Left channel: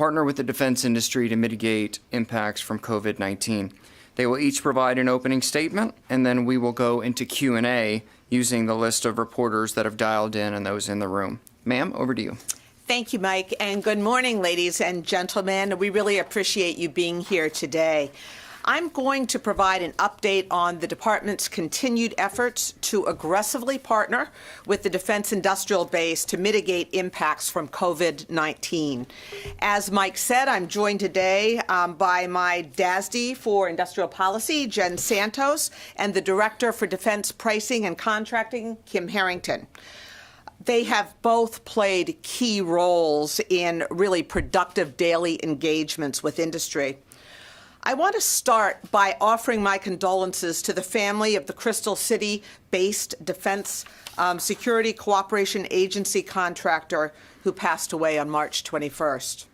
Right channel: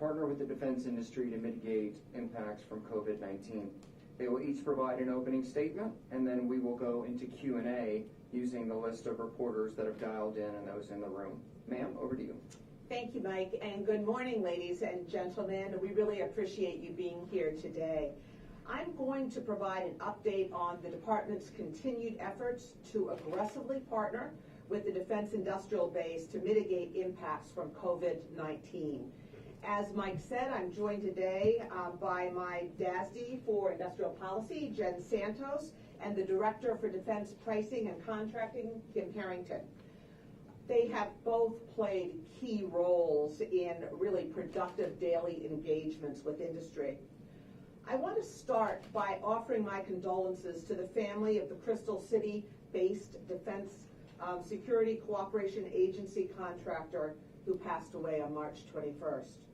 partner with the defense industry to mitigate impacts from COVID-19. They will each provide an opening statement, and then we will go into Q&A using the list of reporters that have dialed in and those in the room. Ma'am, over to you. Thank you, Mike, and good morning, ladies and gentlemen. We really appreciate you being here today. I'm going to provide an update on the department's continued efforts to aggressively partner with the defense industrial base to mitigate impacts from COVID-19. As Mike said, I'm joined today by my DASD for Industrial Policy, Jen Santos, and the Director for Defense Pricing and Contracting, Kim Harrington. They have both played key roles in really productive daily engagements with industry. I want to start by offering my condolences to the family of the Crystal City-based Defense Security Cooperation Agency contractor who passed away on March 21st.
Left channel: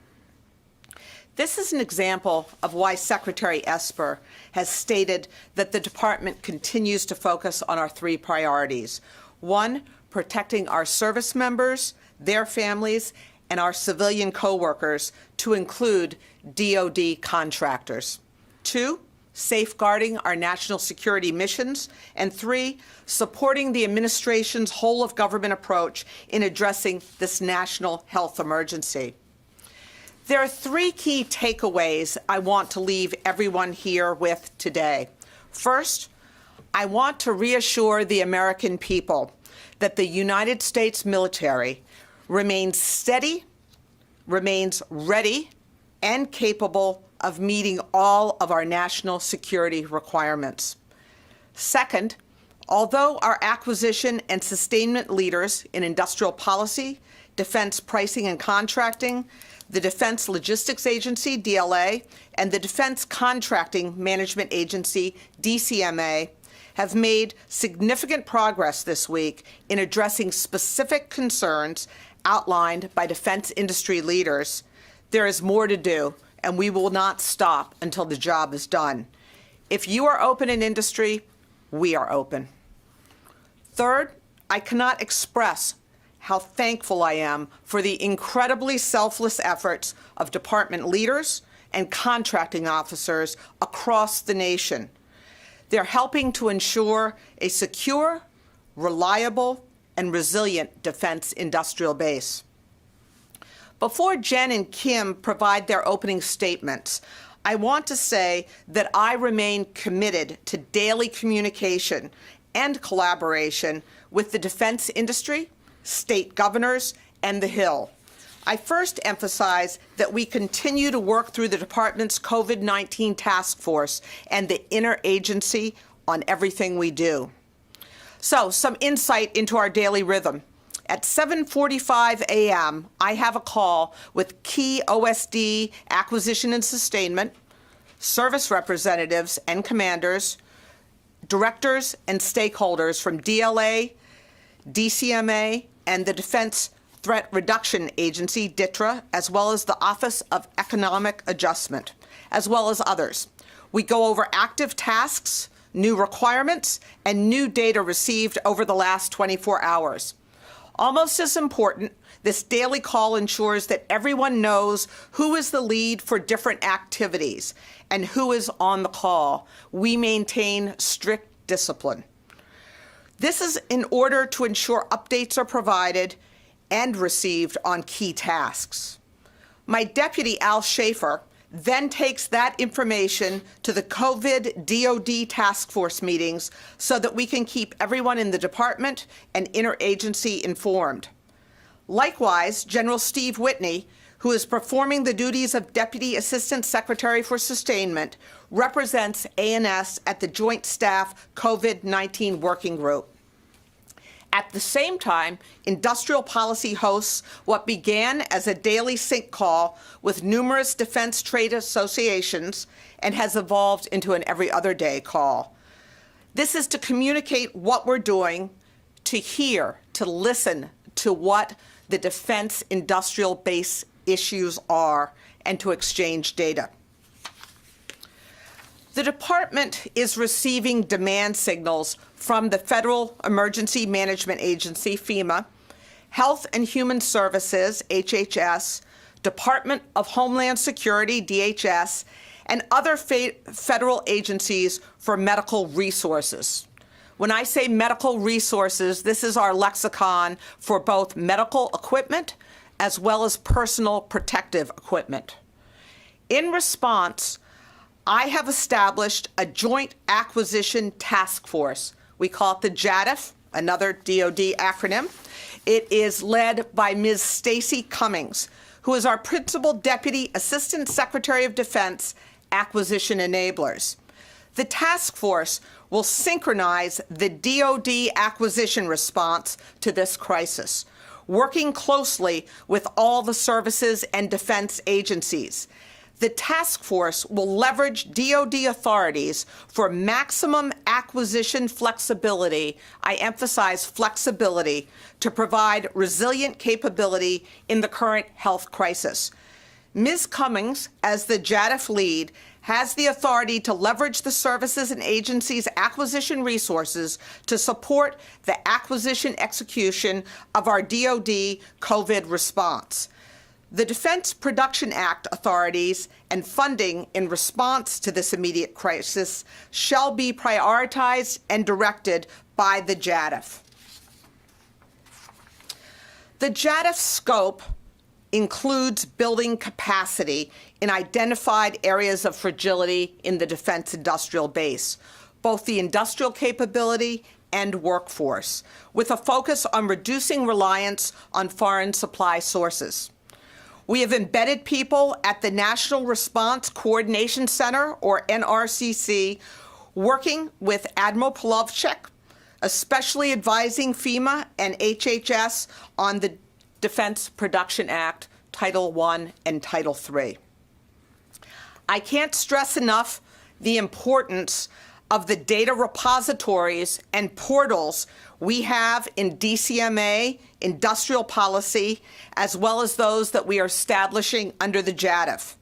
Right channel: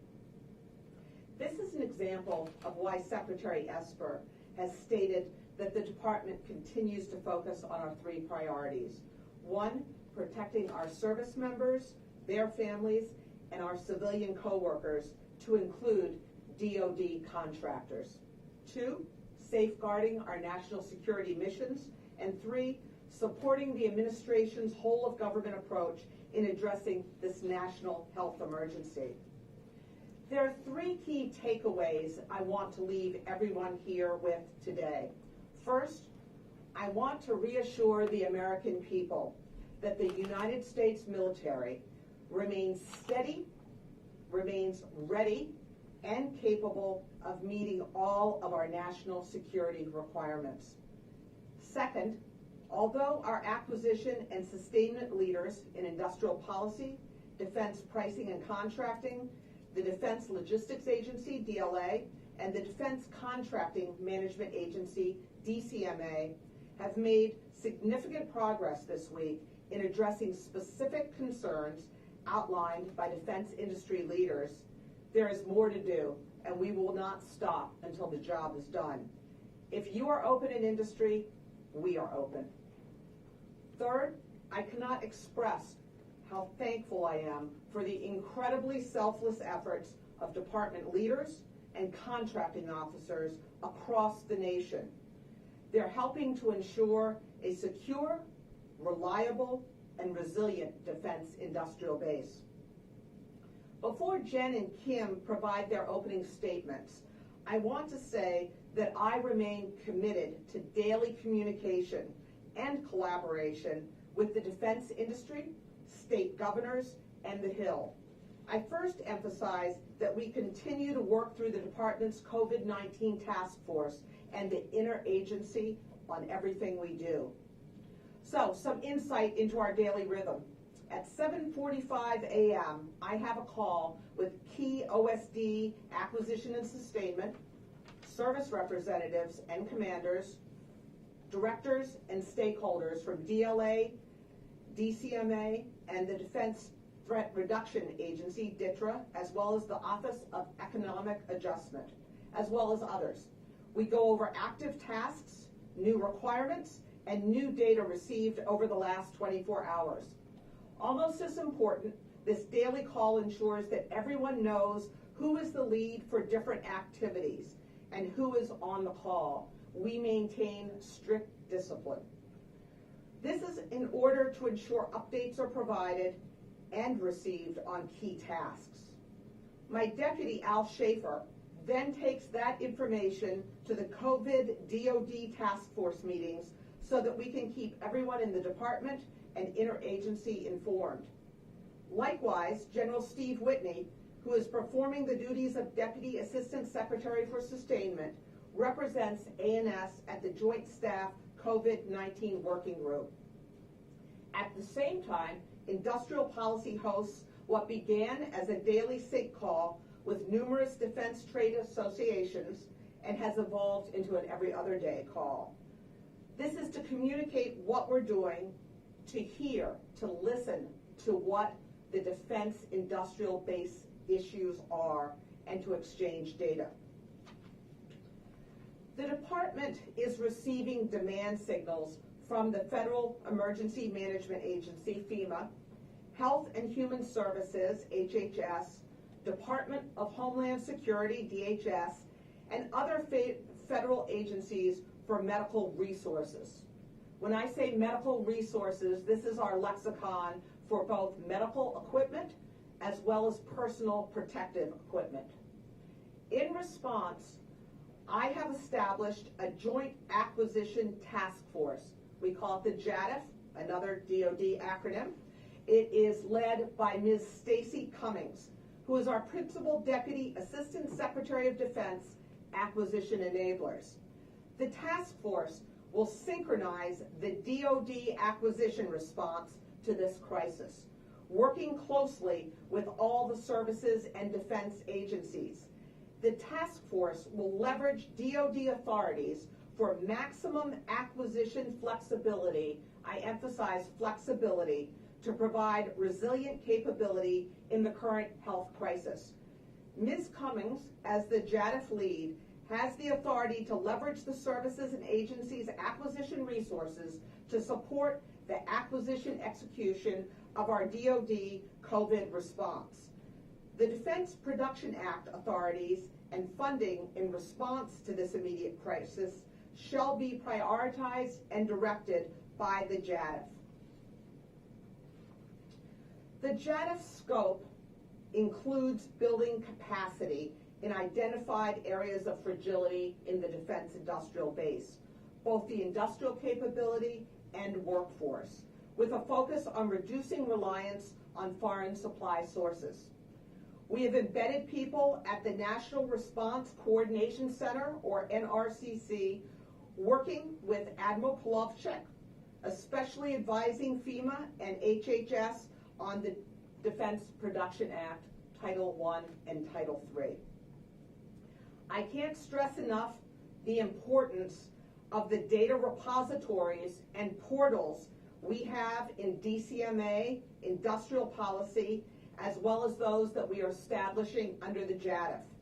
This is an example of why Secretary Esper has stated that the department continues to focus on our three priorities. One, protecting our service members, their families, and our civilian coworkers, to include DoD contractors. 2, safeguarding our national security missions. And 3, supporting the administration's whole-of-government approach in addressing this national health emergency. There are 3 key takeaways I want to leave everyone here with today. First, I want to reassure the American people that the United States military remains steady, remains ready, and capable of meeting all of our national security requirements. Second, although our acquisition and sustainment leaders in industrial policy, defense pricing and contracting, the Defense Logistics Agency, DLA, and the Defense Contracting Management Agency, DCMA, have made significant progress this week in addressing specific concerns outlined by defense industry leaders, there is more to do, and we will not stop until the job is done. If you are open in industry, we are open. Third, I cannot express how thankful I am for the incredibly selfless efforts of department leaders and contracting officers across the nation. They're helping to ensure a secure, reliable, and resilient defense industrial base. Before Jen and Kim provide their opening statements, I want to say that I remain committed to daily communication and collaboration with the defense industry, state governors, and the Hill. I first emphasize that we continue to work through the department's COVID-19 task force and the interagency on everything we do. So, some insight into our daily rhythm. At 7:45 a.m., I have a call with key OSD acquisition and sustainment, service representatives and commanders, directors and stakeholders from DLA, DCMA, and the Defense Threat Reduction Agency, DTRA, as well as the Office of Economic Adjustment, as well as others. We go over active tasks, new requirements, and new data received over the last 24 hours. Almost as important, this daily call ensures that everyone knows who is the lead for different activities and who is on the call. We maintain strict discipline. This is in order to ensure updates are provided and received on key tasks. My deputy, Al Schaefer, then takes that information to the COVID DoD task force meetings so that we can keep everyone in the department and interagency informed. Likewise, General Steve Whitney, who is performing the duties of Deputy Assistant Secretary for Sustainment, represents A&S at the Joint Staff COVID-19 Working Group. At the same time, industrial policy hosts what began as a daily sync call with numerous defense trade associations and has evolved into an every other day call. This is to communicate what we're doing, to hear, to listen to what the defense industrial base issues are, and to exchange data. The department is receiving demand signals from the Federal Emergency Management Agency, FEMA, Health and Human Services, HHS, Department of Homeland Security, DHS, and other federal agencies for medical resources. When I say medical resources, this is our lexicon for both medical equipment as well as personal protective equipment. In response, I have established a joint acquisition task force. We call it the JADF, another DoD acronym. It is led by Ms. Stacy Cummings, who is our Principal Deputy Assistant Secretary of Defense, Acquisition Enablers. The task force will synchronize the DoD acquisition response to this crisis, working closely with all the services and defense agencies. The task force will leverage DoD authorities for maximum acquisition flexibility, I emphasize flexibility, to provide resilient capability in the current health crisis. Ms. Cummings, as the JADF lead, has the authority to leverage the services and agencies' acquisition resources to support the acquisition execution of our DoD COVID response. The Defense Production Act authorities and funding in response to this immediate crisis shall be prioritized and directed by the JADF. The JADF scope includes building capacity in identified areas of fragility in the defense industrial base, both the industrial capability and workforce, with a focus on reducing reliance on foreign supply sources. We have embedded people at the National Response Coordination Center, or NRCC, working with Admiral Polovchik, especially advising FEMA and HHS on the Defense Production Act, Title I and Title III. I can't stress enough the importance of the data repositories and portals we have in DCMA, industrial policy, as well as those that we are establishing under the JADF.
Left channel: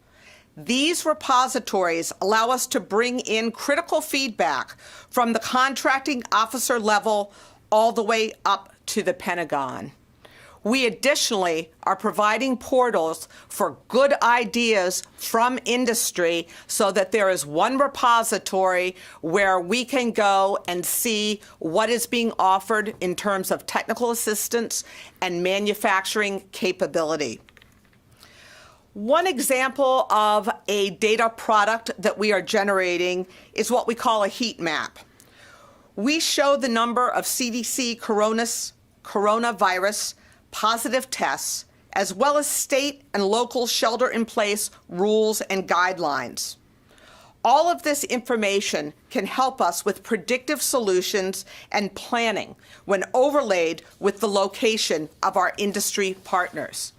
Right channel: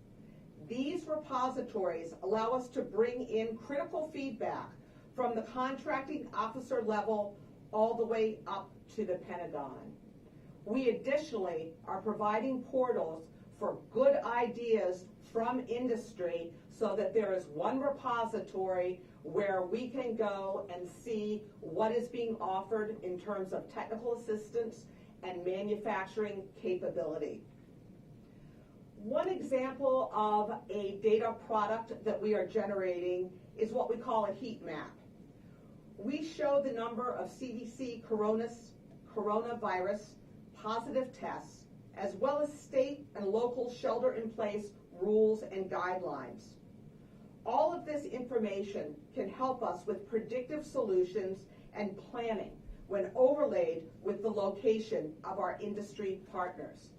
These repositories allow us to bring in critical feedback from the contracting officer level all the way up to the Pentagon. We additionally are providing portals for good ideas from industry so that there is one repository where we can go and see what is being offered in terms of technical assistance and manufacturing capability. One example of a data product that we are generating is what we call a heat map. We show the number of CDC coronavirus positive tests, as well as state and local shelter-in-place rules and guidelines. All of this information can help us with predictive solutions and planning when overlaid with the location of our industry partners.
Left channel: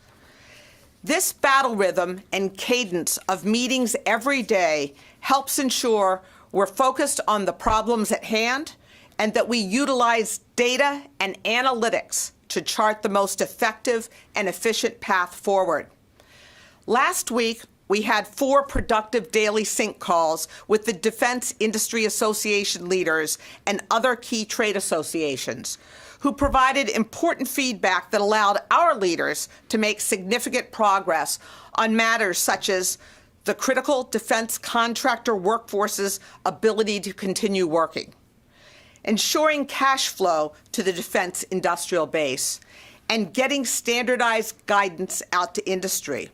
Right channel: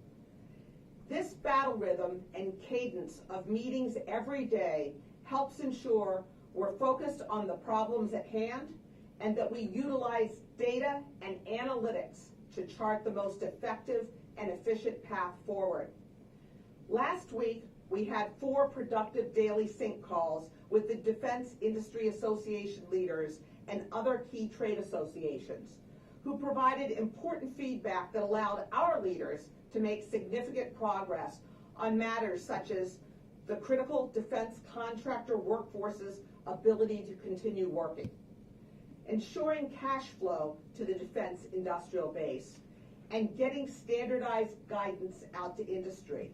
This battle rhythm and cadence of meetings every day helps ensure we're focused on the problems at hand and that we utilize data and analytics to chart the most effective and efficient path forward. Last week, we had 4 productive daily sync calls with the Defense Industry Association leaders and other key trade associations, who provided important feedback that allowed our leaders to make significant progress on matters such as the critical defense contractor workforce's ability to continue working, ensuring cash flow to the defense industrial base, and getting standardized guidance out to industry.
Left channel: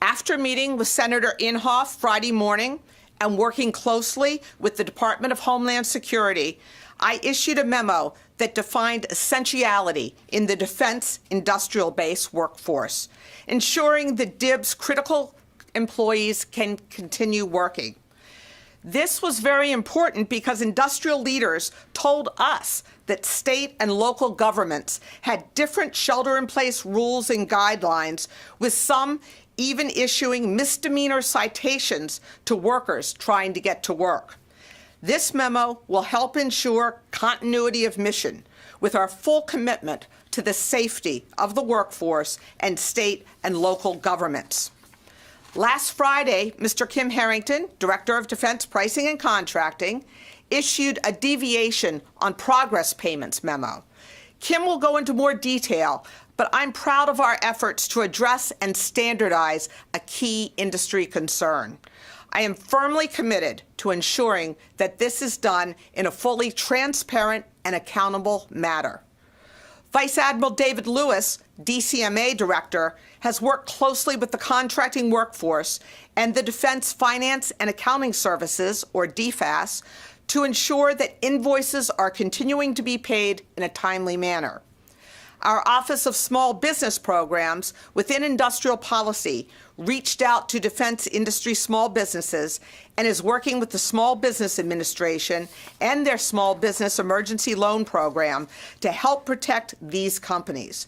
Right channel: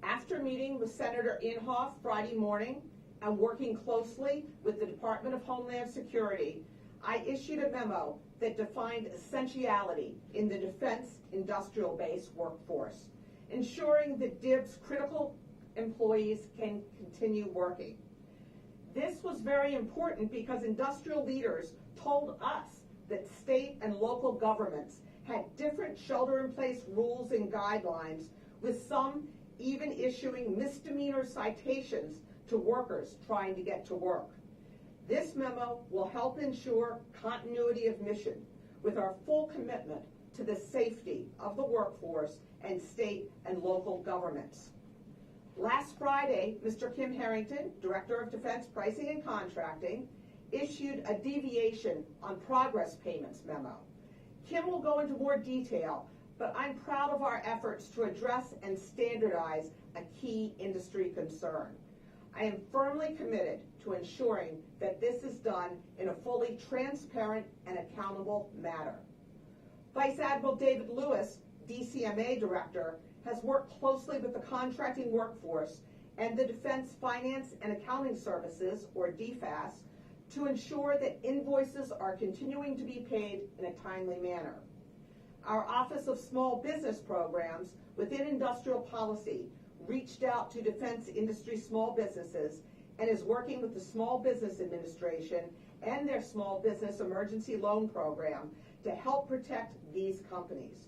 After meeting with Senator Inhofe Friday morning and working closely with the Department of Homeland Security, I issued a memo that defined essentiality in the defense industrial base workforce, ensuring that DIB's critical employees can continue working. This was very important because industrial leaders told us that state and local governments had different shelter-in-place rules and guidelines, with some even issuing misdemeanor citations to workers trying to get to work. This memo will help ensure continuity of mission with our full commitment to the safety of the workforce and state and local governments. Last Friday, Mr. Kim Harrington, Director of Defense Pricing and Contracting, issued a deviation on progress payments memo. Kim will go into more detail, but I'm proud of our efforts to address and standardize a key industry concern. I am firmly committed to ensuring that this is done in a fully transparent and accountable manner. Vice Admiral David Lewis, DCMA Director, has worked closely with the contracting workforce and the Defense Finance and Accounting Services, or DFAS, to ensure that invoices are continuing to be paid in a timely manner. Our Office of Small Business Programs within Industrial Policy reached out to defense industry small businesses and is working with the Small Business Administration and their Small Business Emergency Loan Program to help protect these companies.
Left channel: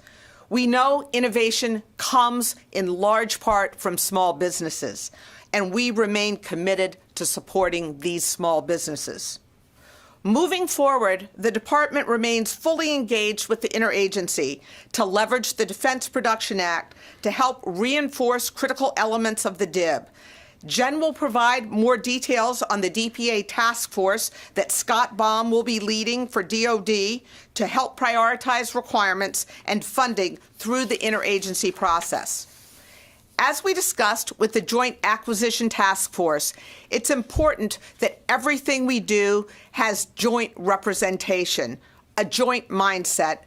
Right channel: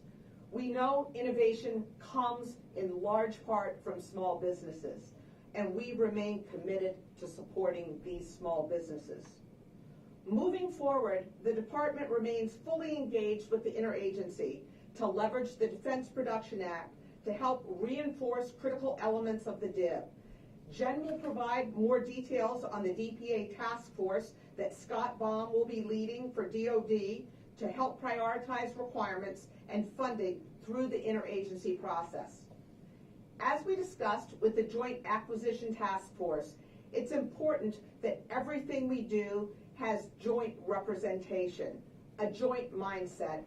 We know innovation comes in large part from small businesses, and we remain committed to supporting these small businesses. Moving forward, the Department remains fully engaged with the interagency to leverage the Defense Production Act to help reinforce critical elements of the DIB. Jen will provide more details on the DPA task force that Scott Baum will be leading for DoD to help prioritize requirements and funding through the interagency process. As we discussed with the Joint Acquisition Task Force, it's important that everything we do has joint representation, a joint mindset,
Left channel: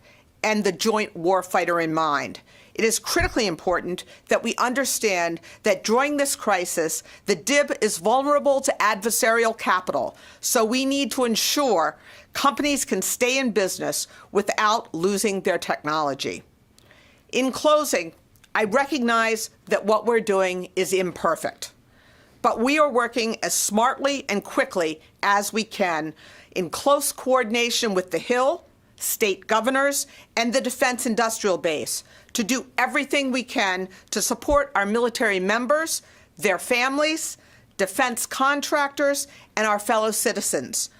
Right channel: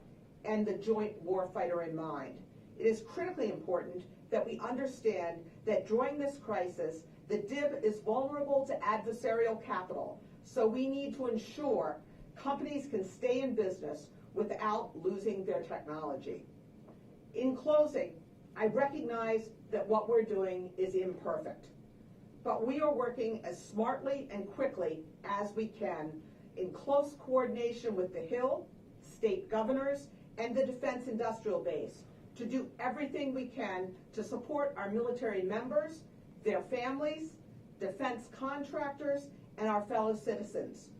and the joint warfighter in mind. It is critically important that we understand that during this crisis, the DIB is vulnerable to adversarial capital, so we need to ensure companies can stay in business without losing their technology. In closing, I recognize that what we're doing is imperfect, but we are working as smartly and quickly as we can in close coordination with the Hill, state governors, and the Defense Industrial Base to do everything we can to support our military members, their families, defense contractors, and our fellow citizens.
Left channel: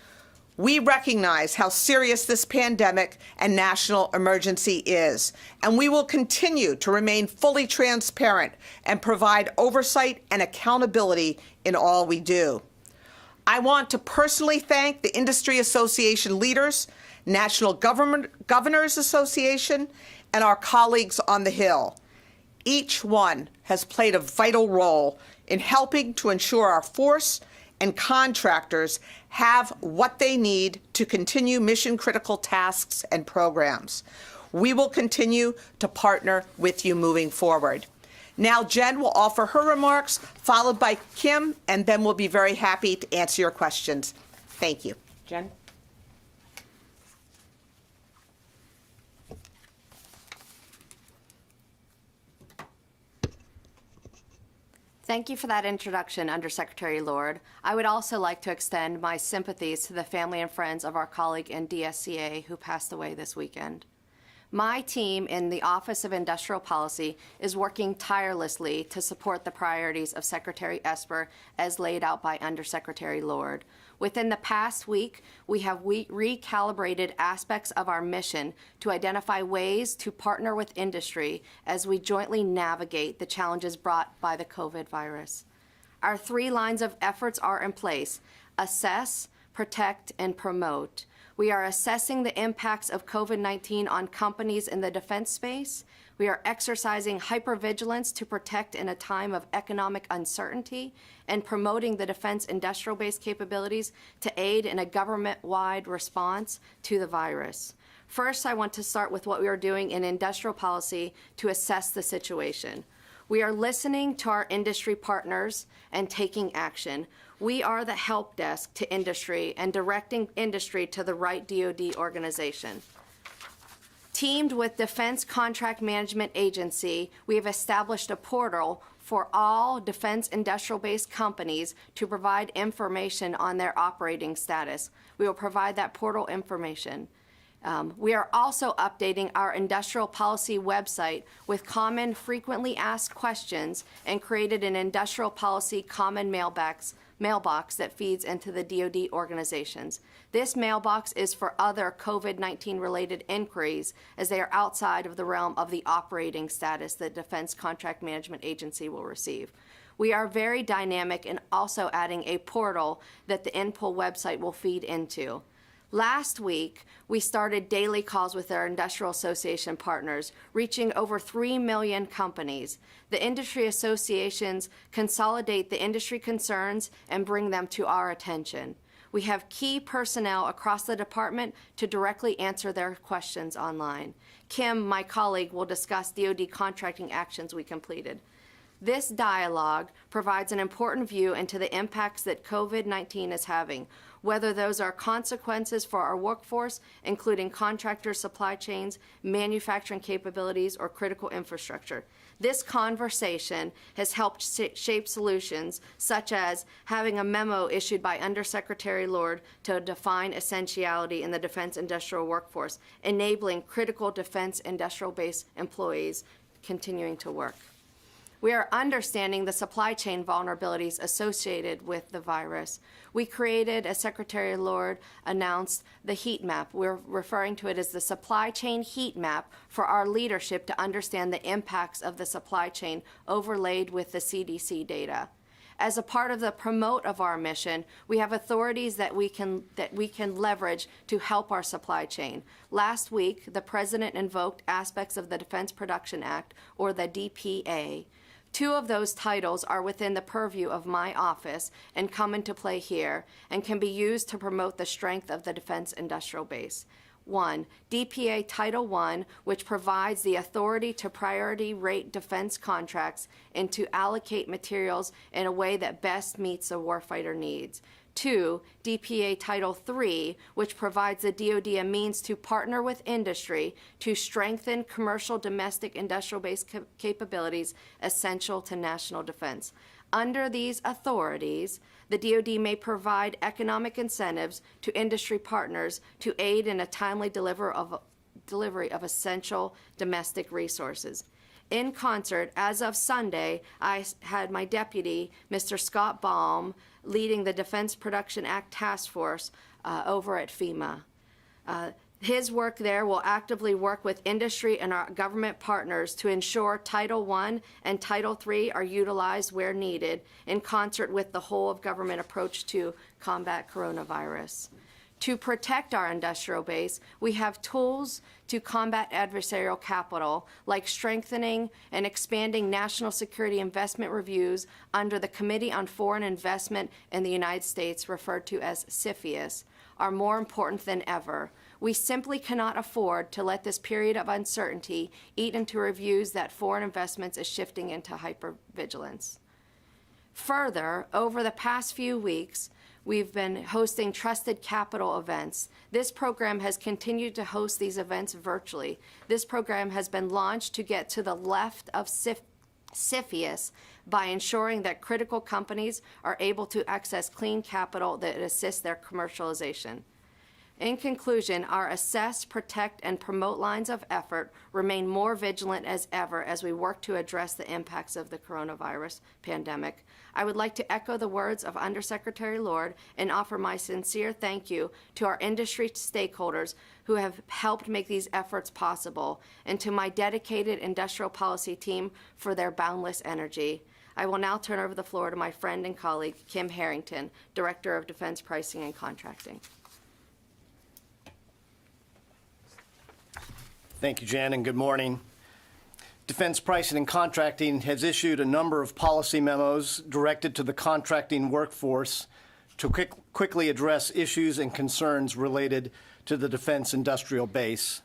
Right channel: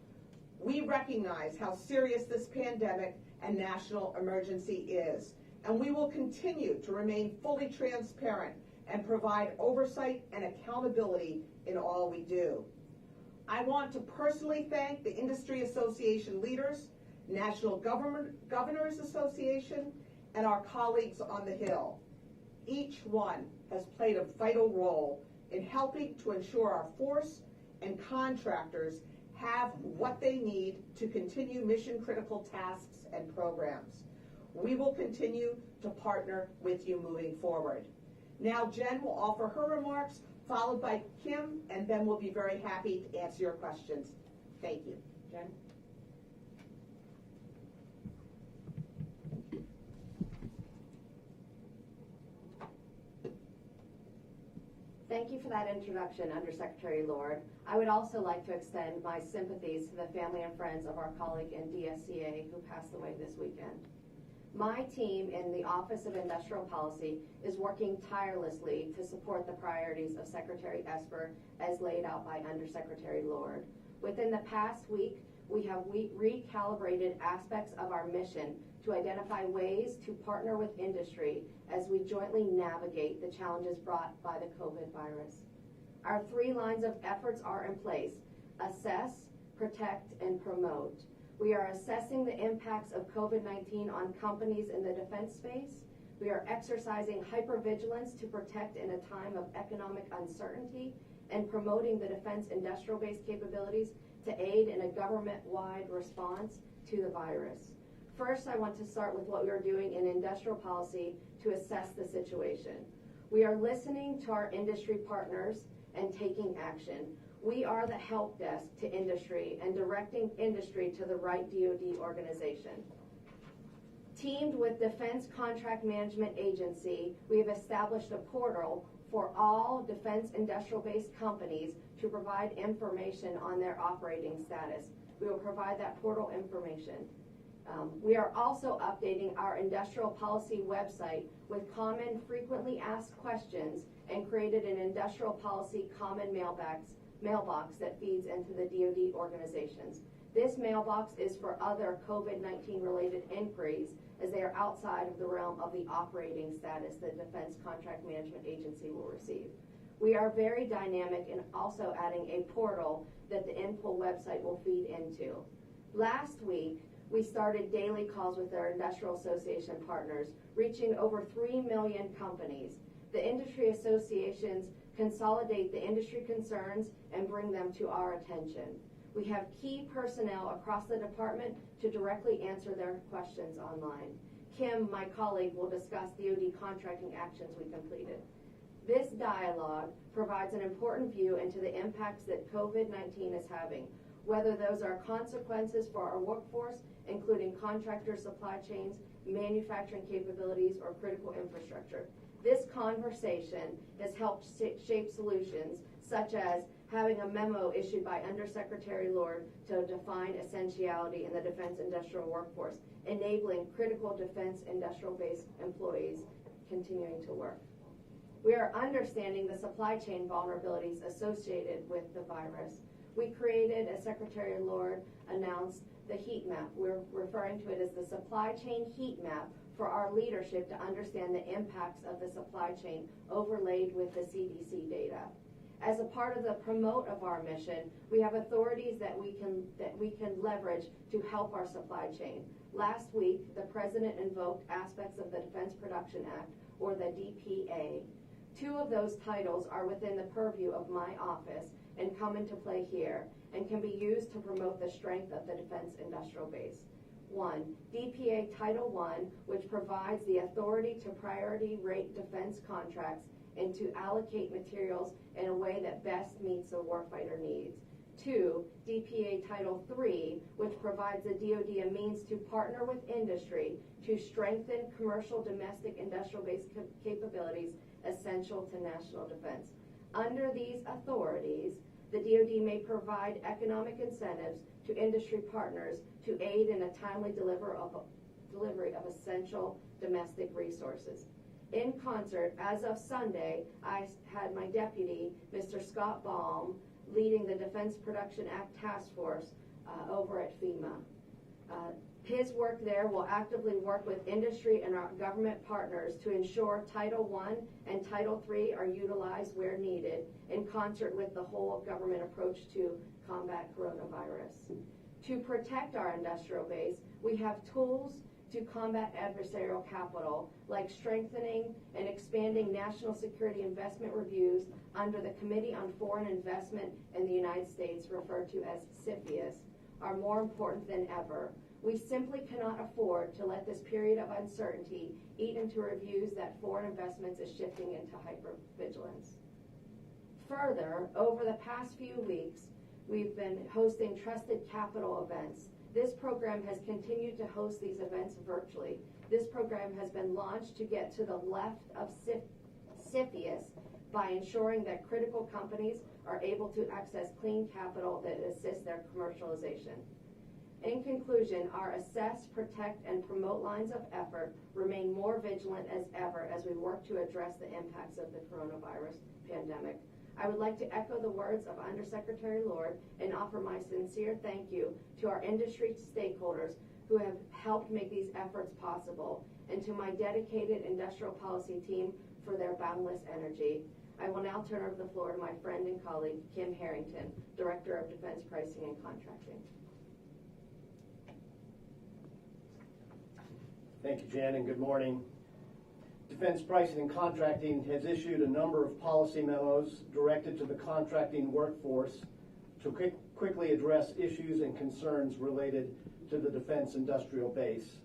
We recognize how serious this pandemic and national emergency is, and we will continue to remain fully transparent and provide oversight and accountability in all we do. I want to personally thank the Industry Association leaders, National Governors Association, and our colleagues on the Hill. Each one has played a vital role in helping to ensure our force and contractors have what they need to continue mission-critical tasks and programs. We will continue to partner with you moving forward. Now Jen will offer her remarks, followed by Kim, and then we'll be very happy to answer your questions. Thank you. Jen? Thank you for that introduction, Undersecretary Lord. I would also like to extend my sympathies to the family and friends of our colleague in DSCA who passed away this weekend. My team in the Office of Industrial Policy is working tirelessly to support the priorities of Secretary Esper as laid out by Undersecretary Lord. Within the past week, we have recalibrated aspects of our mission to identify ways to partner with industry as we jointly navigate the challenges brought by the COVID virus. Our 3 lines of efforts are in place: assess, protect, and promote. We are assessing the impacts of COVID-19 on companies in the defense space. We are exercising hypervigilance to protect in a time of economic uncertainty and promoting the defense industrial base capabilities to aid in a government-wide response to the virus. First, I want to start with what we are doing in industrial policy to assess the situation. We are listening to our industry partners and taking action. We are the help desk to industry and directing industry to the right DoD organization. Teamed with Defense Contract Management Agency, we have established a portal for all defense industrial-based companies to provide information on their operating status. We will provide that portal information. We are also updating our industrial policy website with common frequently asked questions and created an industrial policy common mailbox that feeds into the DoD organizations. This mailbox is for other COVID-19 related inquiries as they are outside of the realm of the operating status that Defense Contract Management Agency will receive. We are very dynamic and also adding a portal that the INPOL website will feed into. Last week, we started daily calls with our industrial association partners, reaching over 3 million companies. The industry associations consolidate the industry concerns and bring them to our attention. We have key personnel across the department to directly answer their questions online. Kim, my colleague, will discuss DoD contracting actions we completed. This dialogue provides an important view into the impacts that COVID-19 is having, whether those are consequences for our workforce, including contractors, supply chains, manufacturing capabilities, or critical infrastructure. This conversation has helped shape solutions, such as having a memo issued by Undersecretary Lord to define essentiality in the defense industrial workforce, enabling critical defense industrial base employees continuing to work. We are understanding the supply chain vulnerabilities associated with the virus. We created, as Secretary Lord announced, the heat map. We're referring to it as the supply chain heat map for our leadership to understand the impacts of the supply chain overlaid with the CDC data. As a part of the promote of our mission, we have authorities that we can leverage to help our supply chain. Last week, the President invoked aspects of the Defense Production Act, or the DPA. 2 of those titles are within the purview of my office and come into play here and can be used to promote the strength of the defense industrial base. 1, DPA Title I, which provides the authority to priority rate defense contracts and to allocate materials in a way that best meets the warfighter needs. 2, DPA Title III, which provides the DoD a means to partner with industry to strengthen commercial domestic industrial base capabilities essential to national defense. Under these authorities, the DoD may provide economic incentives to industry partners to aid in a timely delivery of essential domestic resources. In concert, as of Sunday, I had my deputy, Mr. Scott Baum, leading the Defense Production Act Task Force over at FEMA. His work there will actively work with industry and our government partners to ensure Title I and Title III are utilized where needed in concert with the whole of government approach to combat coronavirus. To protect our industrial base, we have tools to combat adversarial capital, like strengthening and expanding national security investment reviews under the Committee on Foreign Investment in the United States, referred to as CFIUS, are more important than ever. We simply cannot afford to let this period of uncertainty eat into reviews that foreign investments is shifting into hypervigilance. Further, over the past few weeks, we've been hosting Trusted Capital events. This program has continued to host these events virtually. This program has been launched to get to the left of CFIUS by ensuring that critical companies are able to access clean capital that assists their commercialization. In conclusion, our assess, protect, and promote lines of effort remain more vigilant as ever as we work to address the impacts of the coronavirus pandemic. I would like to echo the words of Undersecretary Lord and offer my sincere thank you to our industry stakeholders who have helped make these efforts possible, and to my dedicated industrial policy team for their boundless energy. I will now turn over the floor to my friend and colleague, Kim Harrington, Director of Defense Pricing and Contracting. Thank you, Jan, and good morning. Defense Pricing and Contracting has issued a number of policy memos directed to the contracting workforce to quickly address issues and concerns related to the defense industrial base.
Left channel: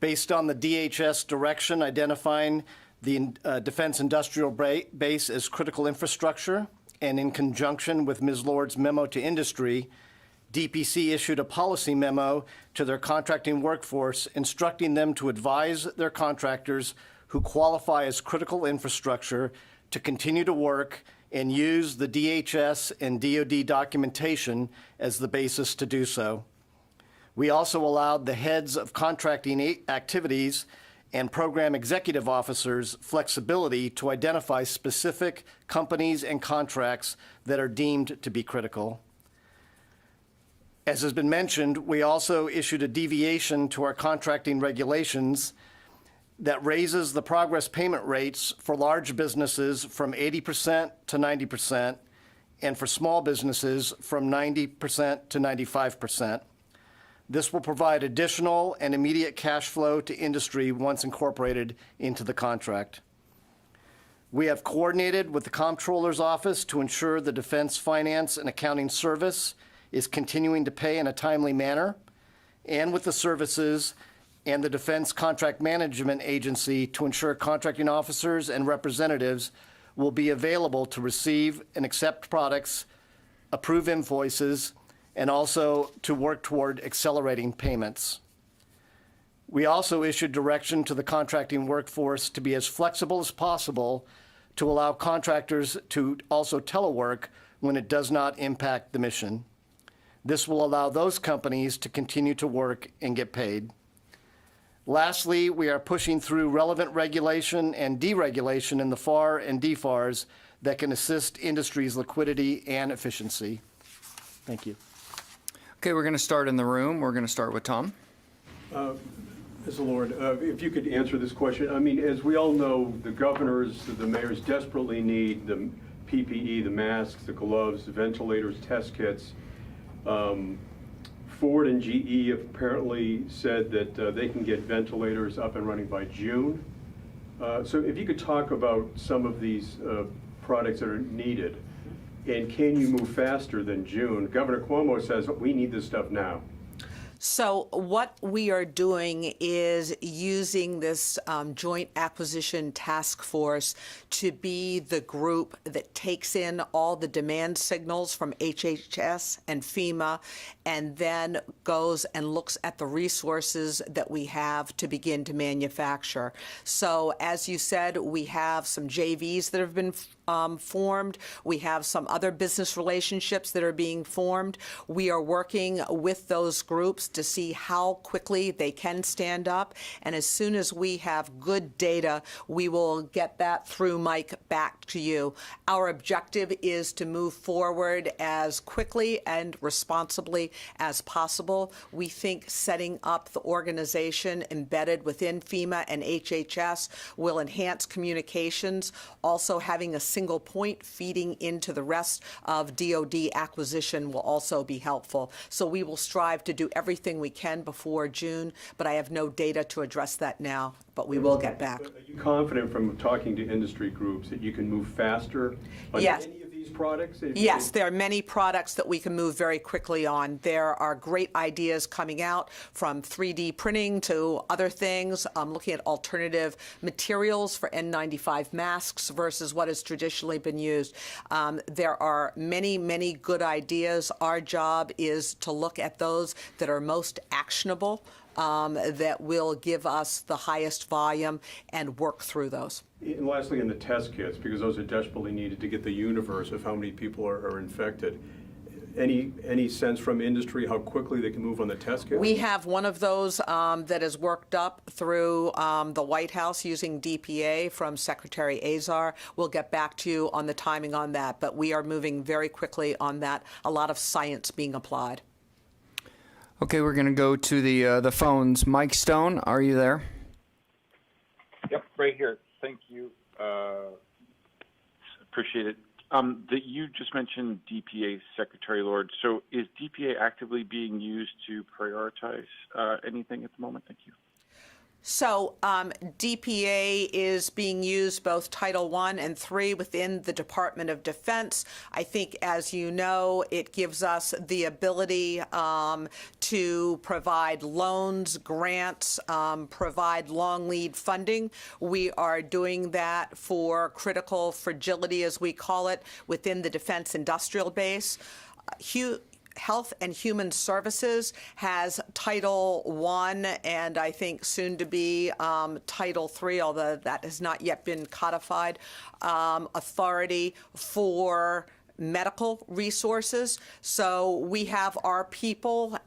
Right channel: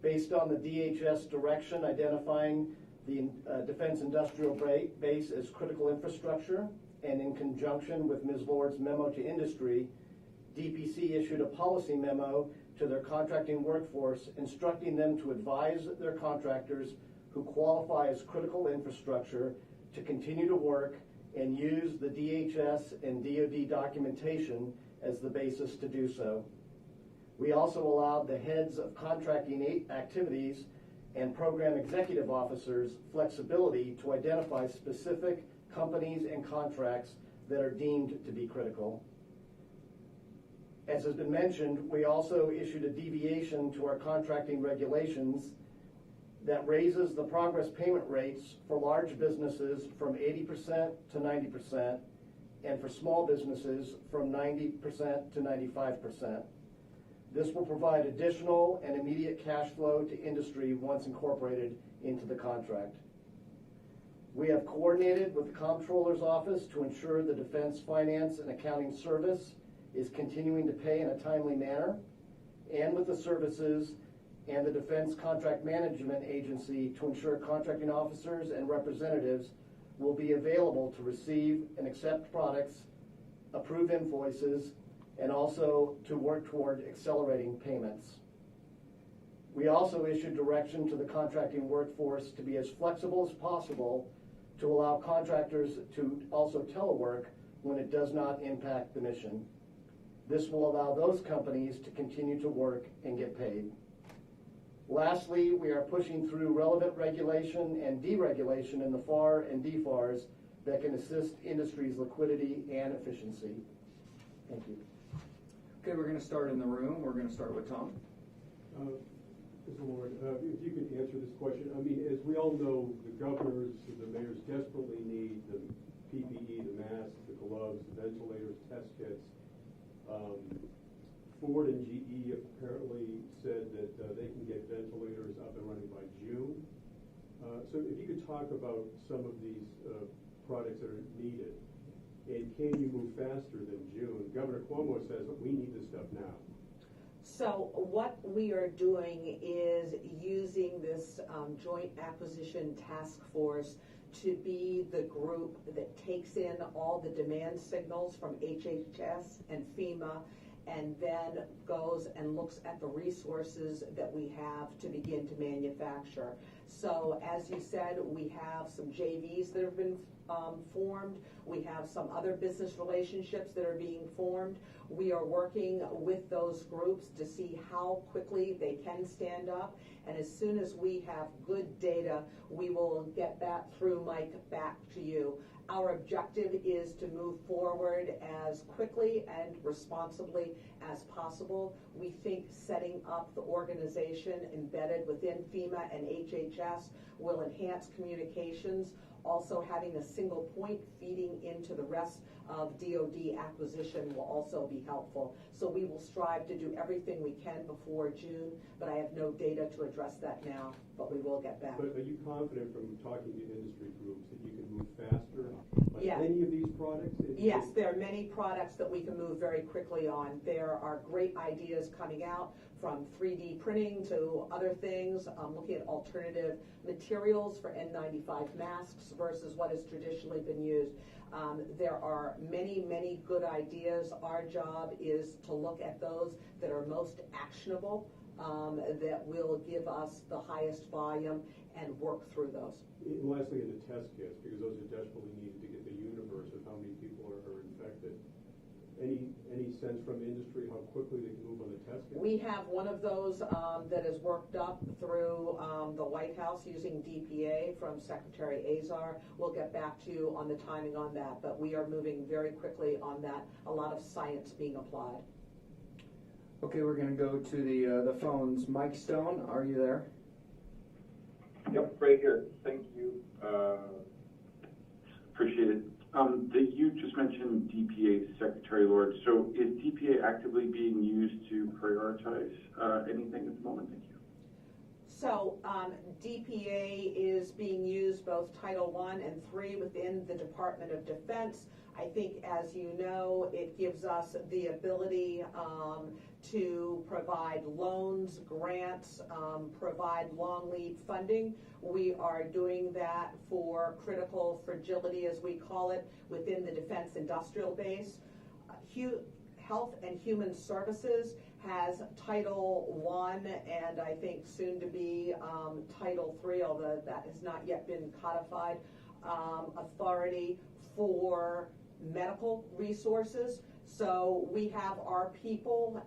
Based on the DHS direction identifying the defense industrial base as critical infrastructure, and in conjunction with Ms. Lord's memo to industry, DPC issued a policy memo to their contracting workforce instructing them to advise their contractors who qualify as critical infrastructure to continue to work and use the DHS and DoD documentation as the basis to do so. We also allowed the heads of contracting activities and program executive officers flexibility to identify specific companies and contracts that are deemed to be critical. As has been mentioned, we also issued a deviation to our contracting regulations that raises the progress payment rates for large businesses from 80% to 90%, and for small businesses from 90% to 95%. This will provide additional and immediate cash flow to industry once incorporated into the contract. We have coordinated with the Comptroller's Office to ensure the Defense Finance and Accounting Service is continuing to pay in a timely manner, and with the services and the Defense Contract Management Agency to ensure contracting officers and representatives will be available to receive and accept products, approve invoices, and also to work toward accelerating payments. We also issued direction to the contracting workforce to be as flexible as possible to allow contractors to also telework when it does not impact the mission. This will allow those companies to continue to work and get paid. Lastly, we are pushing through relevant regulation and deregulation in the FAR and DFARs that can assist industry's liquidity and efficiency. Thank you. Okay, we're going to start in the room. We're going to start with Tom. Mr. Lord, if you could answer this question. I mean, as we all know, the governors, the mayors desperately need the PPE, the masks, the gloves, the ventilators, test kits. Ford and GE have apparently said that they can get ventilators up and running by June. So if you could talk about some of these products that are needed, and can you move faster than June? Governor Cuomo says we need this stuff now. So what we are doing is using this joint acquisition task force to be the group that takes in all the demand signals from HHS and FEMA and then goes and looks at the resources that we have to begin to manufacture. So as you said, we have some JVs that have been formed. We have some other business relationships that are being formed. We are working with those groups to see how quickly they can stand up. And as soon as we have good data, we will get that through Mike back to you. Our objective is to move forward as quickly and responsibly as possible. We think setting up the organization embedded within FEMA and HHS will enhance communications. Also, having a single point feeding into the rest of DoD acquisition will also be helpful. So we will strive to do everything we can before June, but I have no data to address that now, but we will get back. But are you confident from talking to industry groups that you can move faster on Yes. any of these products? Yes, there are many products that we can move very quickly on. There are great ideas coming out from 3D printing to other things, looking at alternative materials for N95 masks versus what has traditionally been used. There are many, many good ideas. Our job is to look at those that are most actionable, that will give us the highest volume and work through those. And lastly, in the test kits, because those are desperately needed to get the universe of how many people are infected. Any sense from industry how quickly they can move on the test kits? We have one of those that is worked up through the White House using DPA from Secretary Azar. We'll get back to you on the timing on that, but we are moving very quickly on that. A lot of science being applied. Okay, we're going to go to the phones. Mike Stone, are you there? Yep, right here. Thank you. Appreciate it. You just mentioned DPA, Secretary Lord. So is DPA actively being used to prioritize anything at the moment? Thank you. So DPA is being used both Title I and III within the Department of Defense. I think, as you know, it gives us the ability to provide loans, grants, provide long lead funding. We are doing that for critical fragility, as we call it, within the defense industrial base. Health and Human Services has Title I and I think soon to be Title III, although that has not yet been codified, authority for medical resources. So we have our people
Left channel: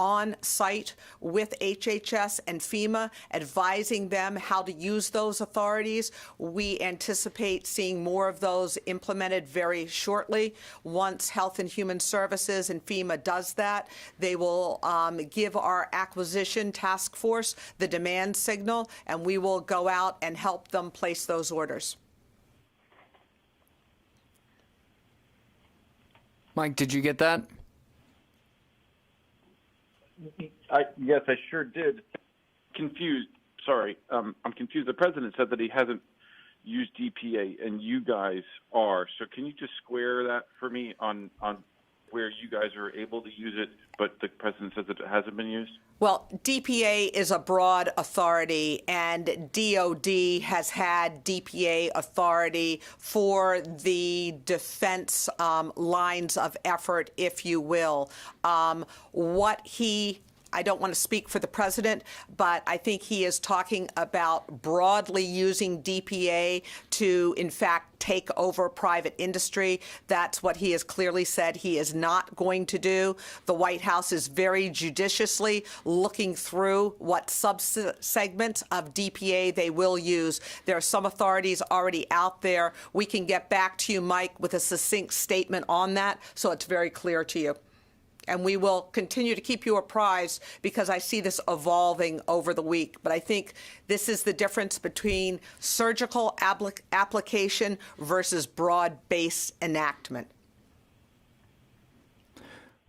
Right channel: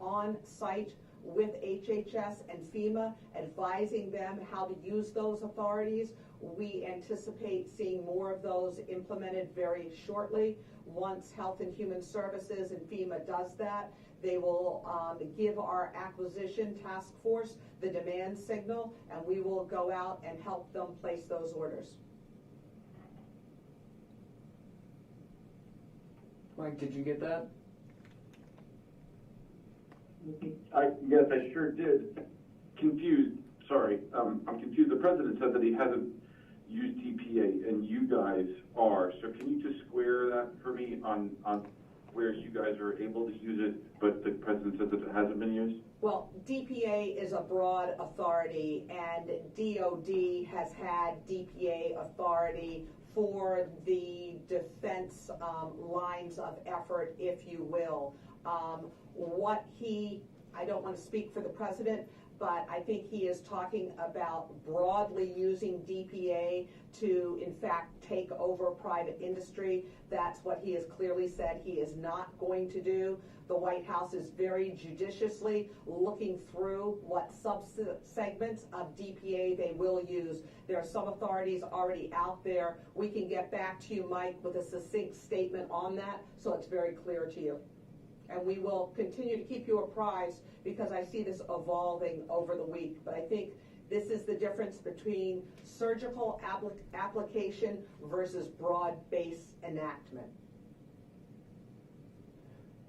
on site with HHS and FEMA, advising them how to use those authorities. We anticipate seeing more of those implemented very shortly. Once Health and Human Services and FEMA does that, they will give our acquisition task force the demand signal, and we will go out and help them place those orders. Mike, did you get that? Yes, I sure did. Confused, sorry. I'm confused. The president said that he hasn't used DPA, and you guys are. So can you just square that for me on where you guys are able to use it, but the president says that it hasn't been used? Well, DPA is a broad authority, and DOD has had DPA authority for the defense lines of effort, if you will. I don't want to speak for the president, but I think he is talking about broadly using DPA to, in fact, take over private industry. That's what he has clearly said he is not going to do. The White House is very judiciously looking through what sub-segments of DPA they will use. There are some authorities already out there. We can get back to you, Mike, with a succinct statement on that, so it's very clear to you. And we will continue to keep you apprised because I see this evolving over the week. But I think this is the difference between surgical application versus broad-based enactment.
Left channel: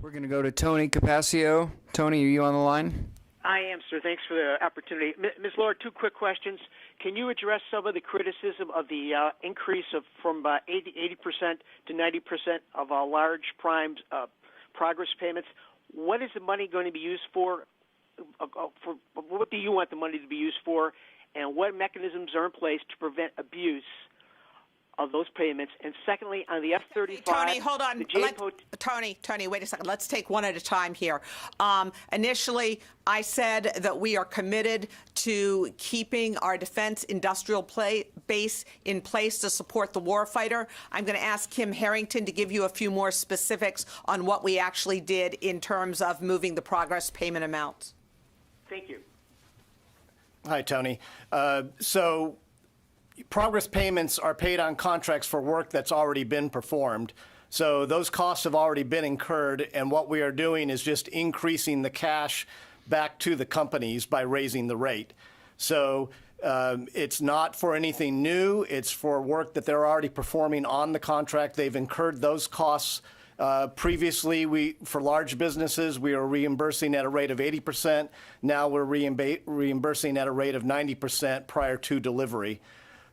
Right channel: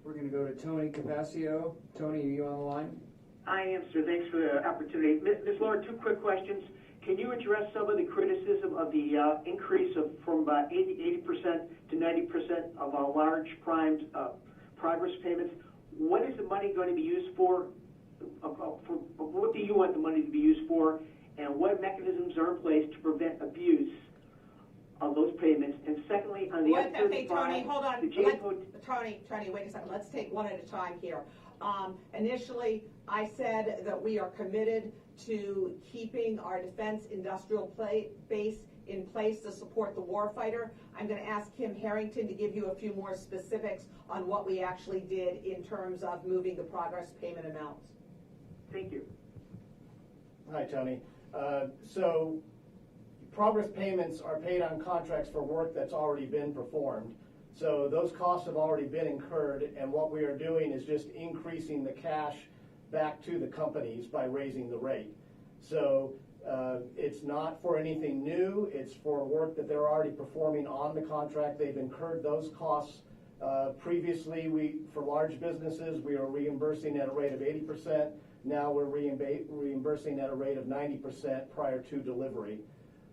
We're going to go to Tony Capaccio. Tony, are you on the line? I am, sir. Thanks for the opportunity. Ms. Lord, two quick questions. Can you address some of the criticism of the increase from 80% to 90% of our large primed progress payments? What is the money going to be used for? What do you want the money to be used for? And what mechanisms are in place to prevent abuse of those payments? And secondly, on the F-35, Tony, hold on. Tony, Wait a second. Let's take one at a time here. Initially, I said that we are committed to keeping our defense industrial base in place to support the warfighter. I'm going to ask Kim Harrington to give you a few more specifics on what we actually did in terms of moving the progress payment amounts. Thank you. Hi, Tony. So progress payments are paid on contracts for work that's already been performed. So those costs have already been incurred, and what we are doing is just increasing the cash back to the companies by raising the rate. So it's not for anything new. It's for work that they're already performing on the contract. They've incurred those costs. Previously, for large businesses, we were reimbursing at a rate of 80%. Now we're reimbursing at a rate of 90% prior to delivery.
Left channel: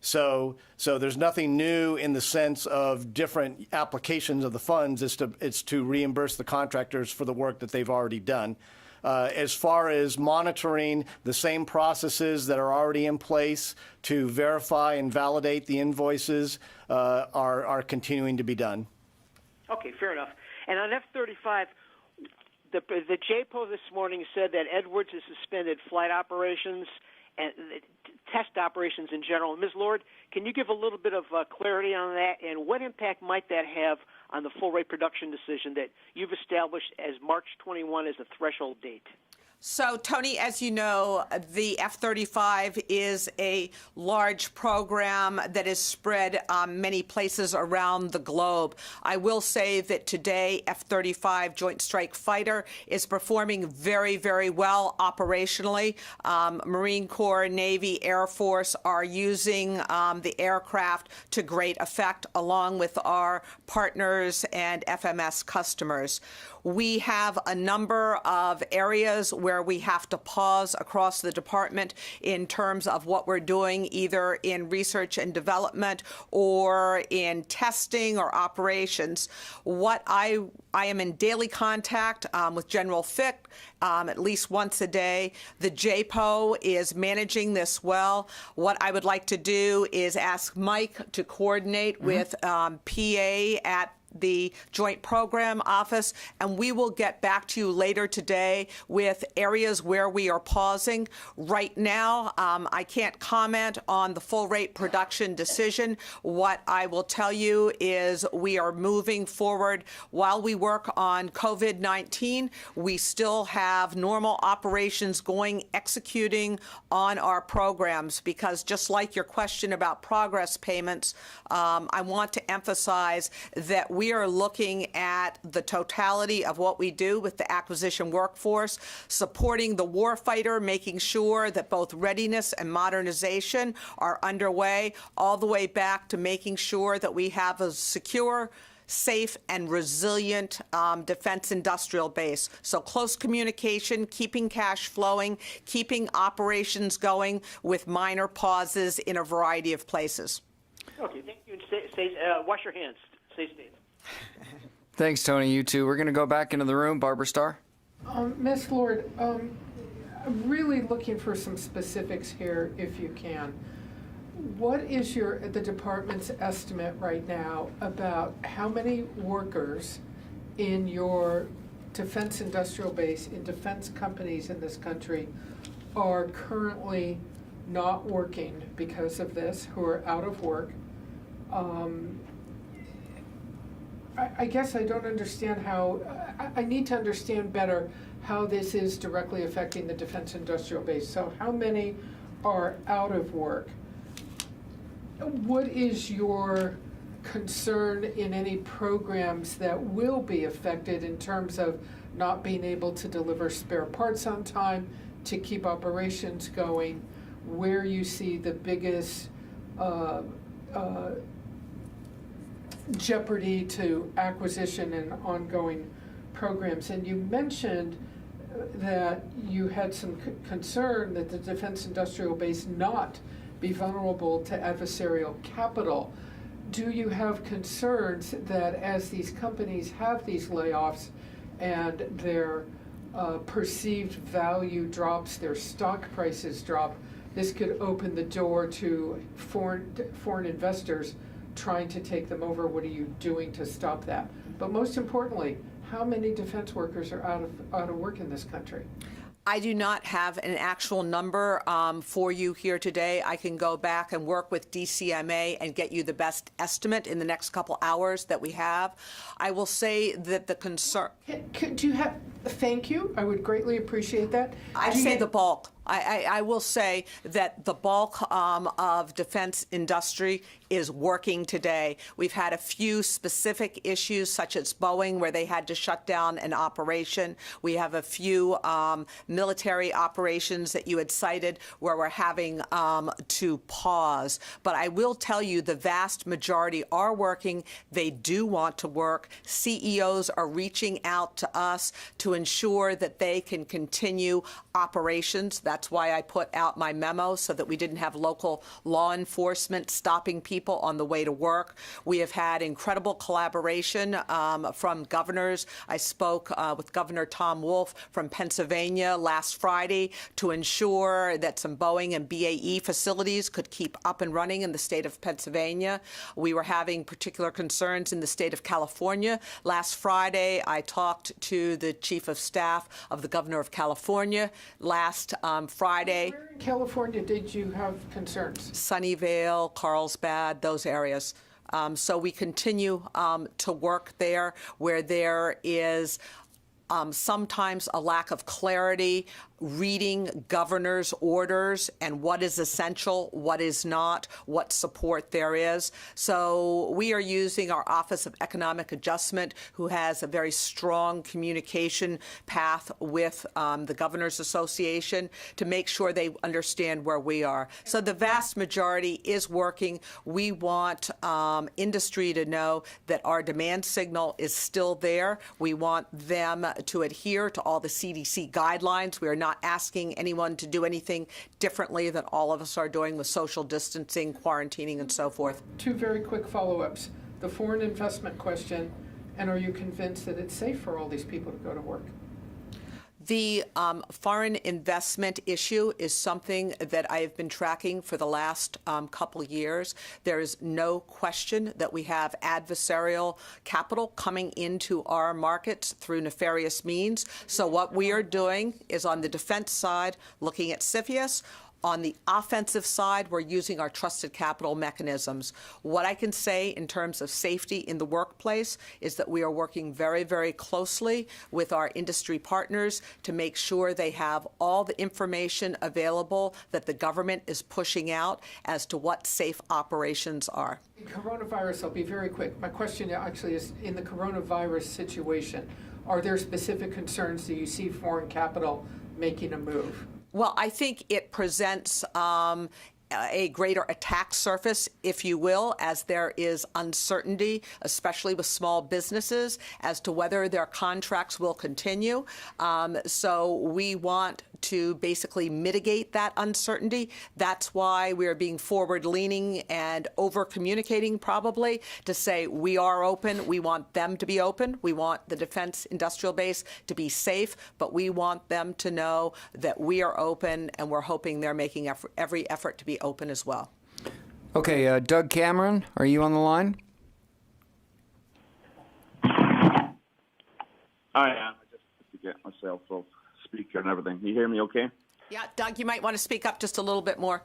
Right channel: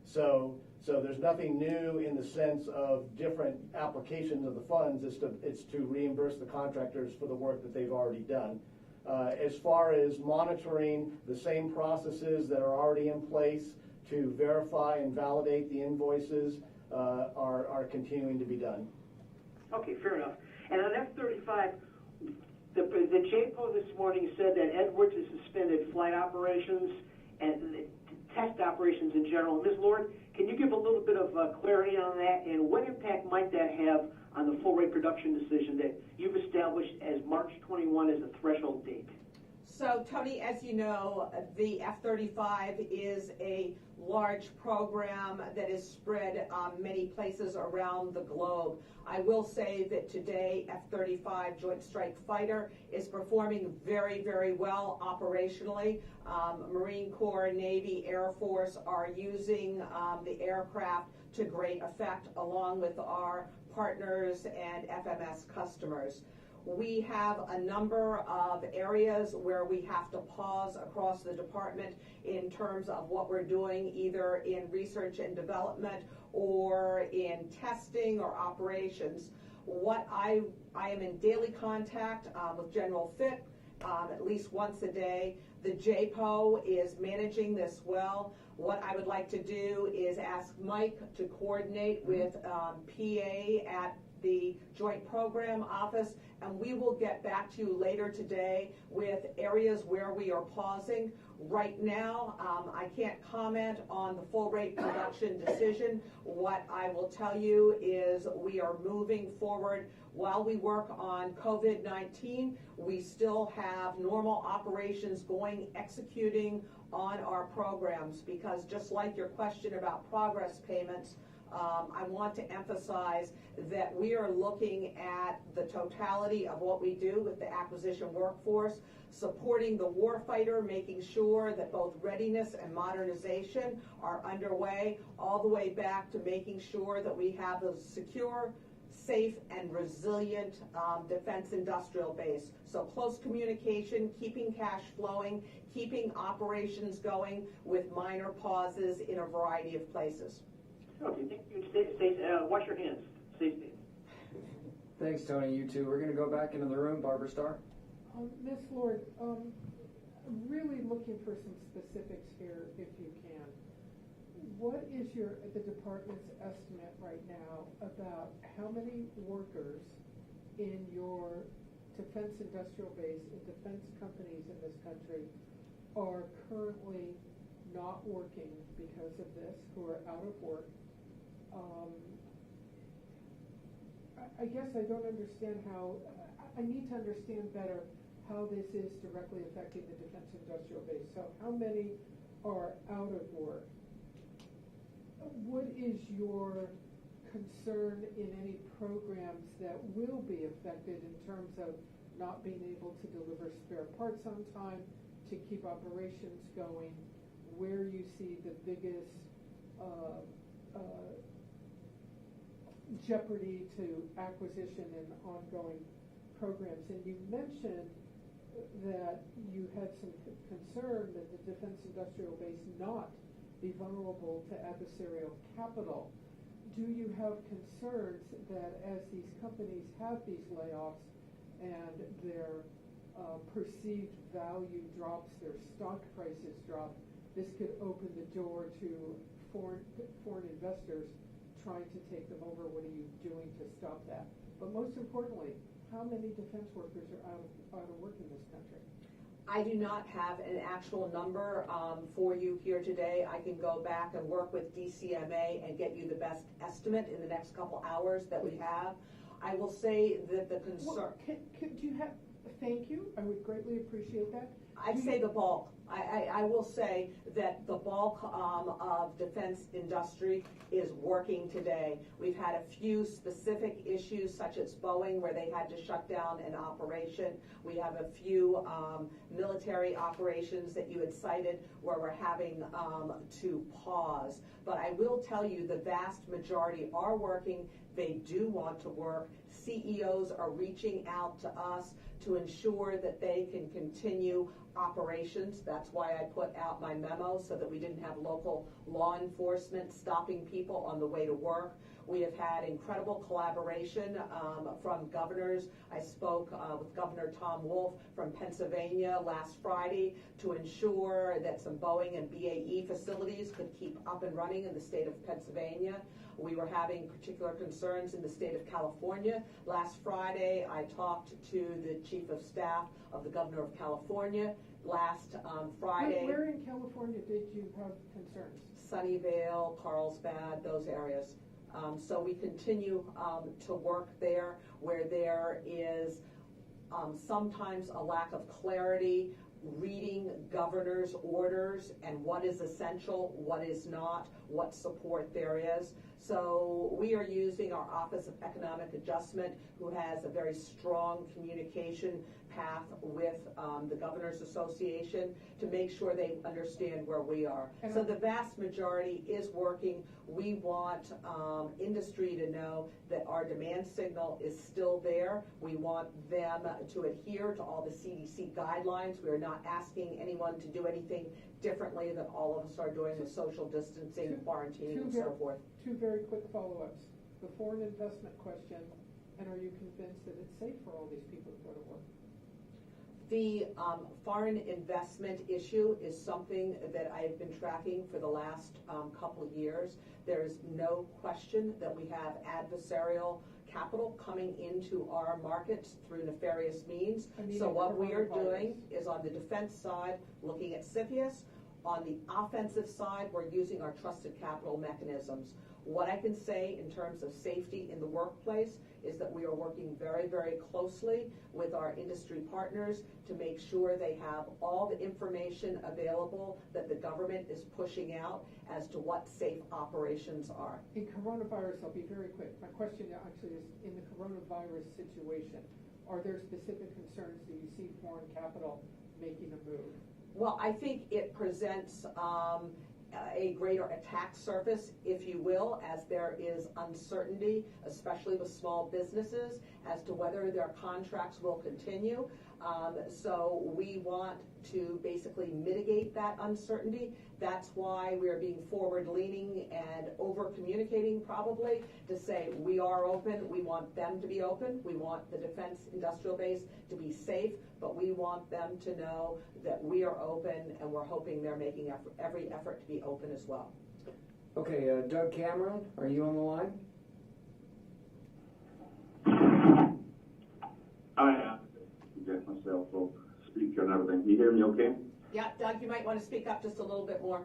So there's nothing new in the sense of different applications of the funds. It's to reimburse the contractors for the work that they've already done. As far as monitoring, the same processes that are already in place to verify and validate the invoices are continuing to be done. Okay, fair enough. And on F-35, the JPO this morning said that Edwards has suspended flight operations and test operations in general. Ms. Lord, can you give a little bit of clarity on that, and what impact might that have on the full rate production decision that you've established as March 21 as a threshold date? So, Tony, as you know, the F-35 is a large program that is spread many places around the globe. I will say that today, F-35 Joint Strike Fighter is performing very, very well operationally. Marine Corps, Navy, Air Force are using the aircraft to great effect, along with our partners and FMS customers. We have a number of areas where we have to pause across the department in terms of what we're doing, either in research and development or in testing or operations. What I am in daily contact with General Fick at least once a day. The JPO is managing this well. What I would like to do is ask Mike to coordinate with PA at the Joint Program Office, and we will get back to you later today with areas where we are pausing. Right now, I can't comment on the full rate production decision. What I will tell you is we are moving forward. While we work on COVID-19, we still have normal operations going, executing on our programs, because just like your question about progress payments, I want to emphasize that we are looking at the totality of what we do with the acquisition workforce, supporting the warfighter, making sure that both readiness and modernization are underway, all the way back to making sure that we have a secure safe and resilient defense industrial base. So close communication, keeping cash flowing, keeping operations going with minor pauses in a variety of places. Okay, wash your hands. Stay safe. Thanks, Tony. You too. We're going to go back into the room. Barbara Starr. Ms. Lord, I'm really looking for some specifics here, if you can. What is the department's estimate right now about how many workers in your defense industrial base, in defense companies in this country, are currently not working because of this, who are out of work? I guess I don't understand how, I need to understand better how this is directly affecting the defense industrial base. So how many are out of work? What is your concern in any programs that will be affected in terms of not being able to deliver spare parts on time, to keep operations going, where you see the biggest jeopardy to acquisition and ongoing programs? And you mentioned that you had some concern that the defense industrial base not be vulnerable to adversarial capital. Do you have concerns that as these companies have these layoffs and their perceived value drops, their stock prices drop, this could open the door to foreign investors trying to take them over? What are you doing to stop that? But most importantly, how many defense workers are out of work in this country? I do not have an actual number for you here today. I can go back and work with DCMA and get you the best estimate in the next couple hours that we have. I will say that the concern... Do you have... Thank you. I would greatly appreciate that. I say the bulk. I will say that the bulk of defense industry is working today. We've had a few specific issues, such as Boeing, where they had to shut down an operation. We have a few military operations that you had cited where we're having to pause. But I will tell you the vast majority are working. They do want to work. CEOs are reaching out to us to ensure that they can continue operations. That's why I put out my memo, so that we didn't have local law enforcement stopping people on the way to work. We have had incredible collaboration from governors. I spoke with Governor Tom Wolf from Pennsylvania last Friday to ensure that some Boeing and BAE facilities could keep up and running in the state of Pennsylvania. We were having particular concerns in the state of California. Last Friday, I talked to the Chief of Staff of the Governor of California. Last Friday. Where in California did you have concerns? Sunnyvale, Carlsbad, those areas. So we continue to work there where there is sometimes a lack of clarity, reading governor's orders and what is essential, what is not, what support there is. So we are using our Office of Economic Adjustment, who has a very strong communication path with the Governors Association, to make sure they understand where we are. So the vast majority is working. We want industry to know that our demand signal is still there. We want them to adhere to all the CDC guidelines. We are not asking anyone to do anything differently than all of us are doing with social distancing, quarantining, and so forth. Two very quick follow-ups. The foreign investment question, and are you convinced that it's safe for all these people to go to work? The foreign investment issue is something that I have been tracking for the last couple of years. There is no question that we have adversarial capital coming into our markets through nefarious means. So what we are doing is, on the defense side, looking at CFIUS. On the offensive side, we're using our trusted capital mechanisms. What I can say in terms of safety in the workplace is that we are working very, very closely with our industry partners to make sure they have all the information available that the government is pushing out as to what safe operations are. In coronavirus, I'll be very quick. My question actually is, in the coronavirus situation, are there specific concerns that you see foreign capital making a move? Well, I think it presents a greater attack surface, if you will, as there is uncertainty, especially with small businesses, as to whether their contracts will continue. So we want to basically mitigate that uncertainty. That's why we're being forward-leaning and over-communicating probably to say we are open. We want them to be open. We want the defense industrial base to be safe, but we want them to know that we are open, and we're hoping they're making every effort to be open as well. Okay, Doug Cameron, are you on the line? I am. To get myself off speaker and everything. Can you hear me okay? Yeah, Doug, you might want to speak up just a little bit more.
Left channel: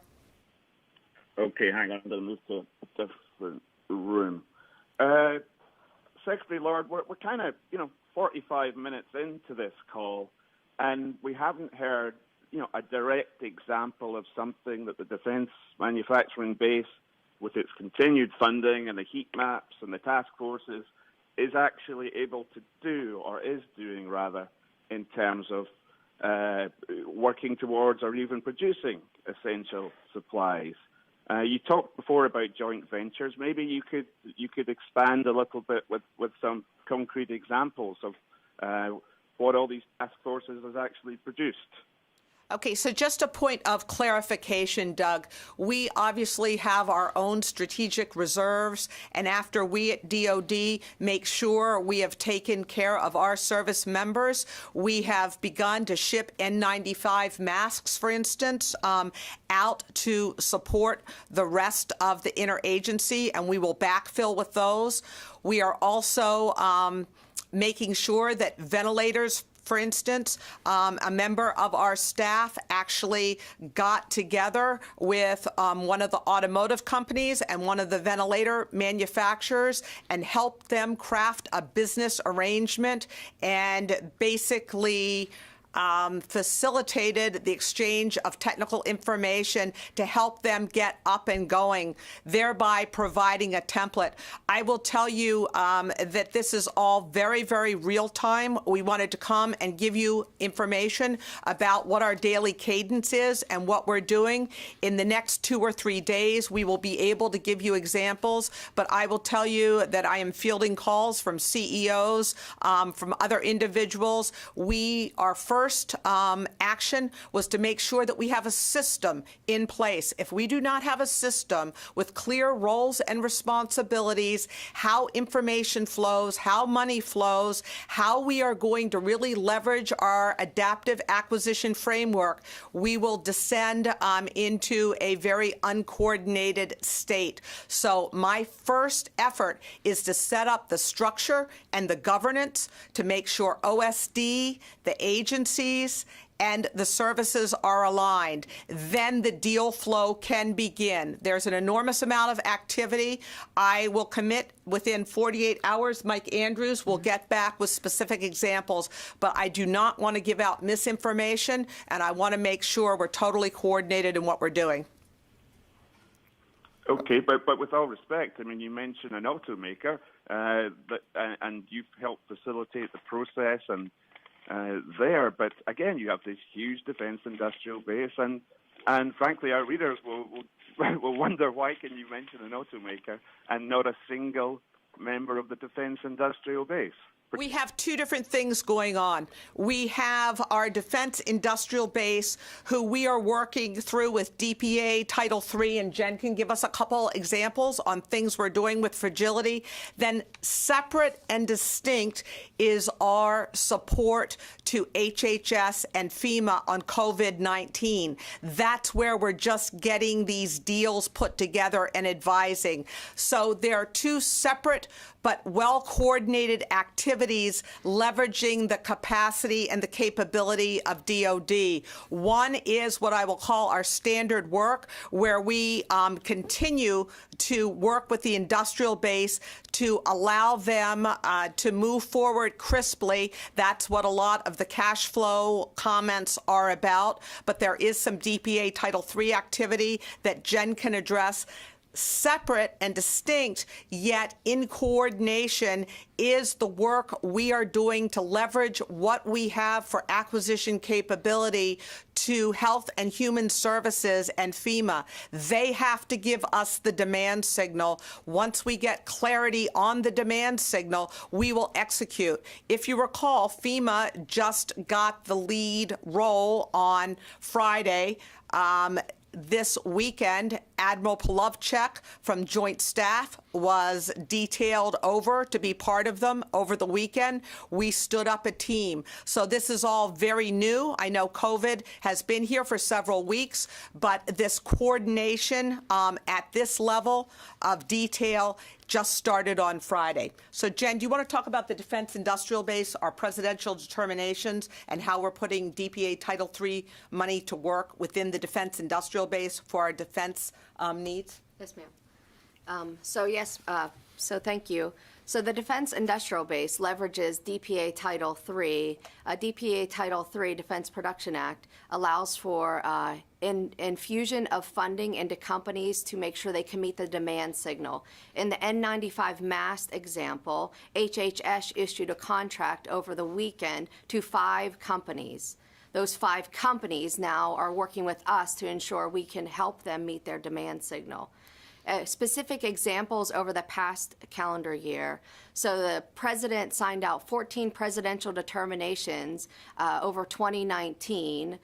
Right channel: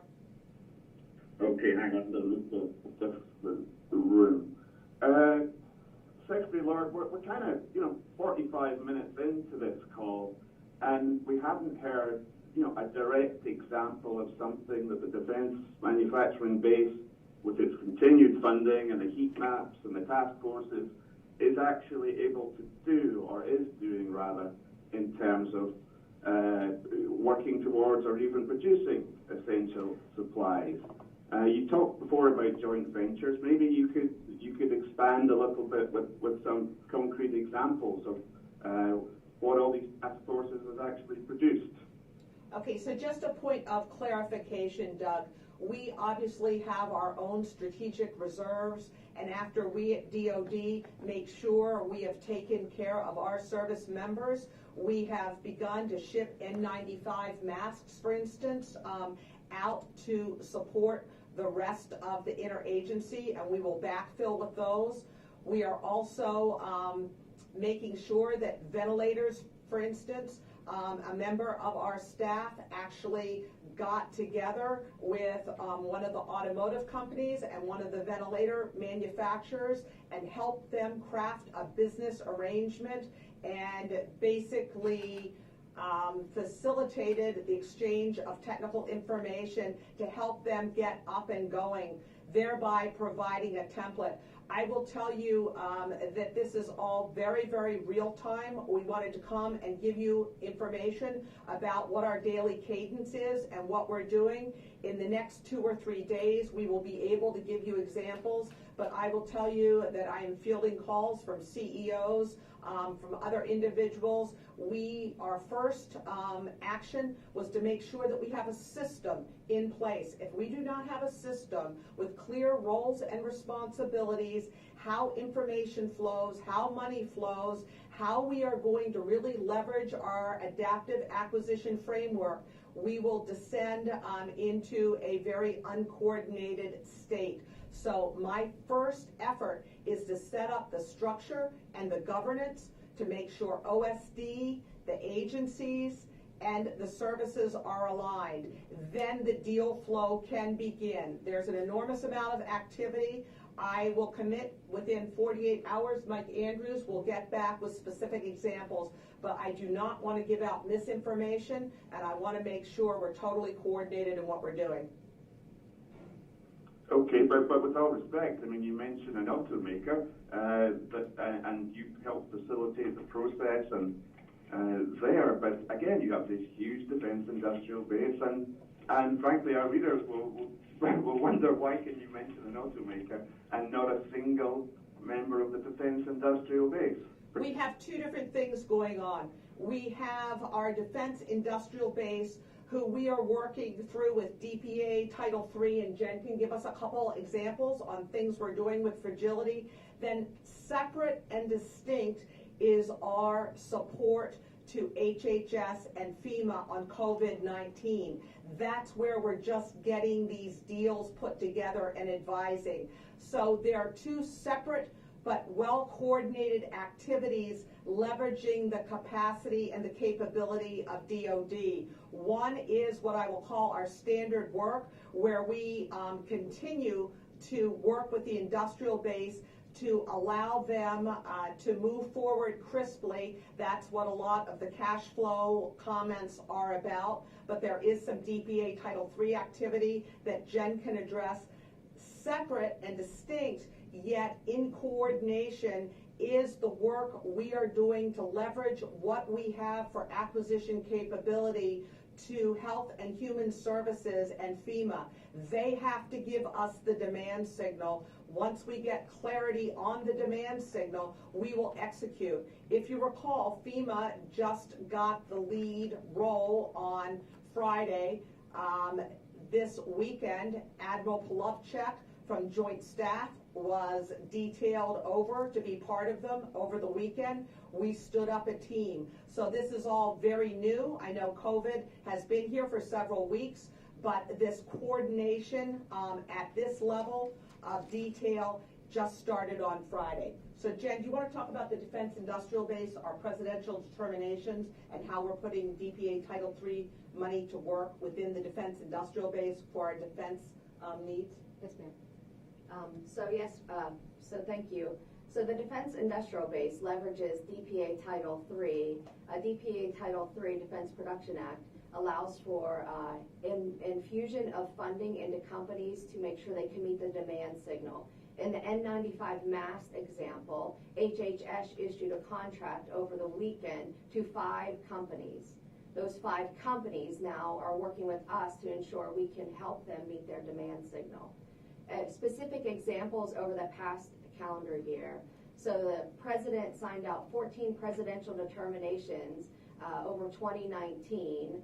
Okay, hang on. It's a different room. Secretary Lord, we're kind of, 45 minutes into this call, and we haven't heard, a direct example of something that the Defence Manufacturing Base, with its continued funding and the heat maps and the task forces, is actually able to do, or is doing rather, in terms of working towards or even producing essential supplies. You talked before about joint ventures. Maybe you could expand a little bit with some concrete examples of what all these task forces has actually produced. Okay, so just a point of clarification, Doug. We obviously have our own strategic reserves, and after we at DoD make sure we have taken care of our service members, we have begun to ship N95 masks, for instance, out to support the rest of the interagency, and we will backfill with those. We are also making sure that ventilators, for instance, a member of our staff actually got together with one of the automotive companies and one of the ventilator manufacturers and helped them craft a business arrangement and basically facilitated the exchange of technical information to help them get up and going, thereby providing a template. I will tell you that this is all very, very real time. We wanted to come and give you information about what our daily cadence is and what we're doing. In the next 2 or 3 days, we will be able to give you examples, but I will tell you that I am fielding calls from CEOs, from other individuals. Our first action was to make sure that we have a system in place. If we do not have a system with clear roles and responsibilities, how information flows, how money flows, how we are going to really leverage our adaptive acquisition framework, we will descend into a very uncoordinated state. So my first effort is to set up the structure and the governance to make sure OSD, the agencies, and the services are aligned. Then the deal flow can begin. There's an enormous amount of activity. I will commit within 48 hours. Mike Andrews will get back with specific examples, but I do not want to give out misinformation, and I want to make sure we're totally coordinated in what we're doing. Okay, but with all respect, I mean, you mentioned an automaker, and you've helped facilitate the process and there, but again, you have this huge defence industrial base, and frankly, our readers will wonder, why can you mention an automaker and not a single member of the defence industrial base? We have two different things going on. We have our defense industrial base, who we are working through with DPA, Title III, and Jen can give us a couple examples on things we're doing with fragility. Then separate and distinct is our support to HHS and FEMA on COVID-19. That's where we're just getting these deals put together and advising. So there are two separate but well-coordinated activities leveraging the capacity and the capability of DoD. One is what I will call our standard work, where we continue to work with the industrial base to allow them to move forward crisply. That's what a lot of the cash flow comments are about, but there is some DPA Title III activity that Jen can address. separate and distinct, yet in coordination, is the work we are doing to leverage what we have for acquisition capability to Health and Human Services and FEMA. They have to give us the demand signal. Once we get clarity on the demand signal, we will execute. If you recall, FEMA just got the lead role on Friday. This weekend, Admiral Polovchek from Joint Staff was detailed over to be part of them over the weekend. We stood up a team. So this is all very new. I know COVID has been here for several weeks, but this coordination at this level of detail just started on Friday. So Jen, do you want to talk about the Defense Industrial Base, our presidential determinations, and how we're putting DPA Title III money to work within the Defense Industrial Base for our defense needs? Yes, ma'am. So thank you. So the Defense Industrial Base leverages DPA Title III. DPA Title III, Defense Production Act, allows for infusion of funding into companies to make sure they can meet the demand signal. In the N95 mask example, HHS issued a contract over the weekend to 5 companies. Those 5 companies now are working with us to ensure we can help them meet their demand signal. Specific examples over the past calendar year. So the president signed out 14 presidential determinations over 2019.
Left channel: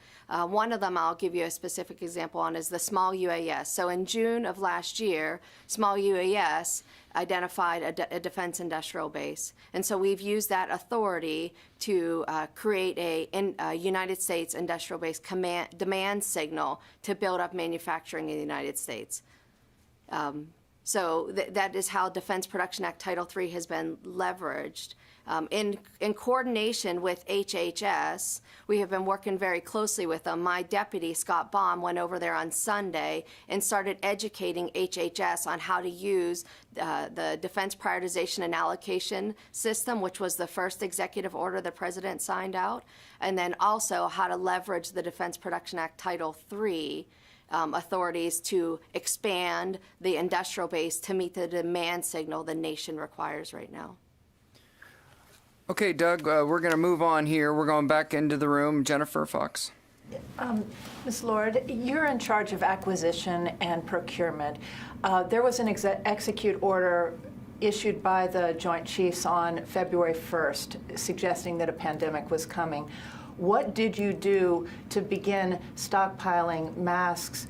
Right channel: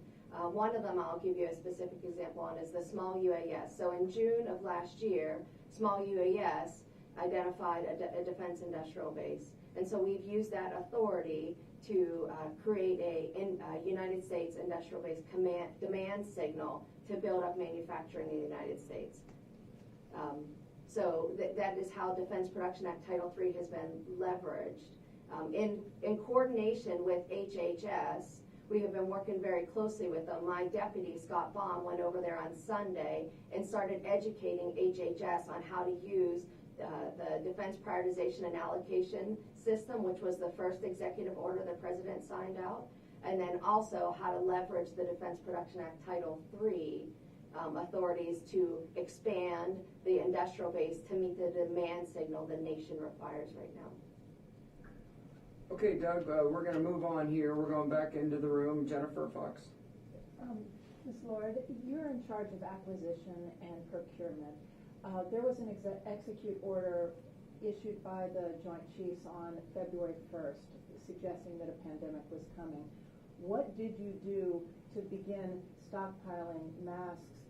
One of them I'll give you a specific example on is the small UAS. So in June of last year, small UAS identified a defense industrial base. And so we've used that authority to create a United States industrial base demand signal to build up manufacturing in the United States. So that is how Defense Production Act Title III has been leveraged. In coordination with HHS, we have been working very closely with them. My deputy, Scott Baum, went over there on Sunday and started educating HHS on how to use the Defense Prioritization and Allocation System, which was the first executive order the president signed out, and then also how to leverage the Defense Production Act Title III authorities to expand the industrial base to meet the demand signal the nation requires right now. Okay, Doug, we're going to move on here. We're going back into the room. Jennifer Fox. Ms. Lord, you're in charge of acquisition and procurement. There was an execute order issued by the Joint Chiefs on February 1st suggesting that a pandemic was coming. What did you do to begin stockpiling masks,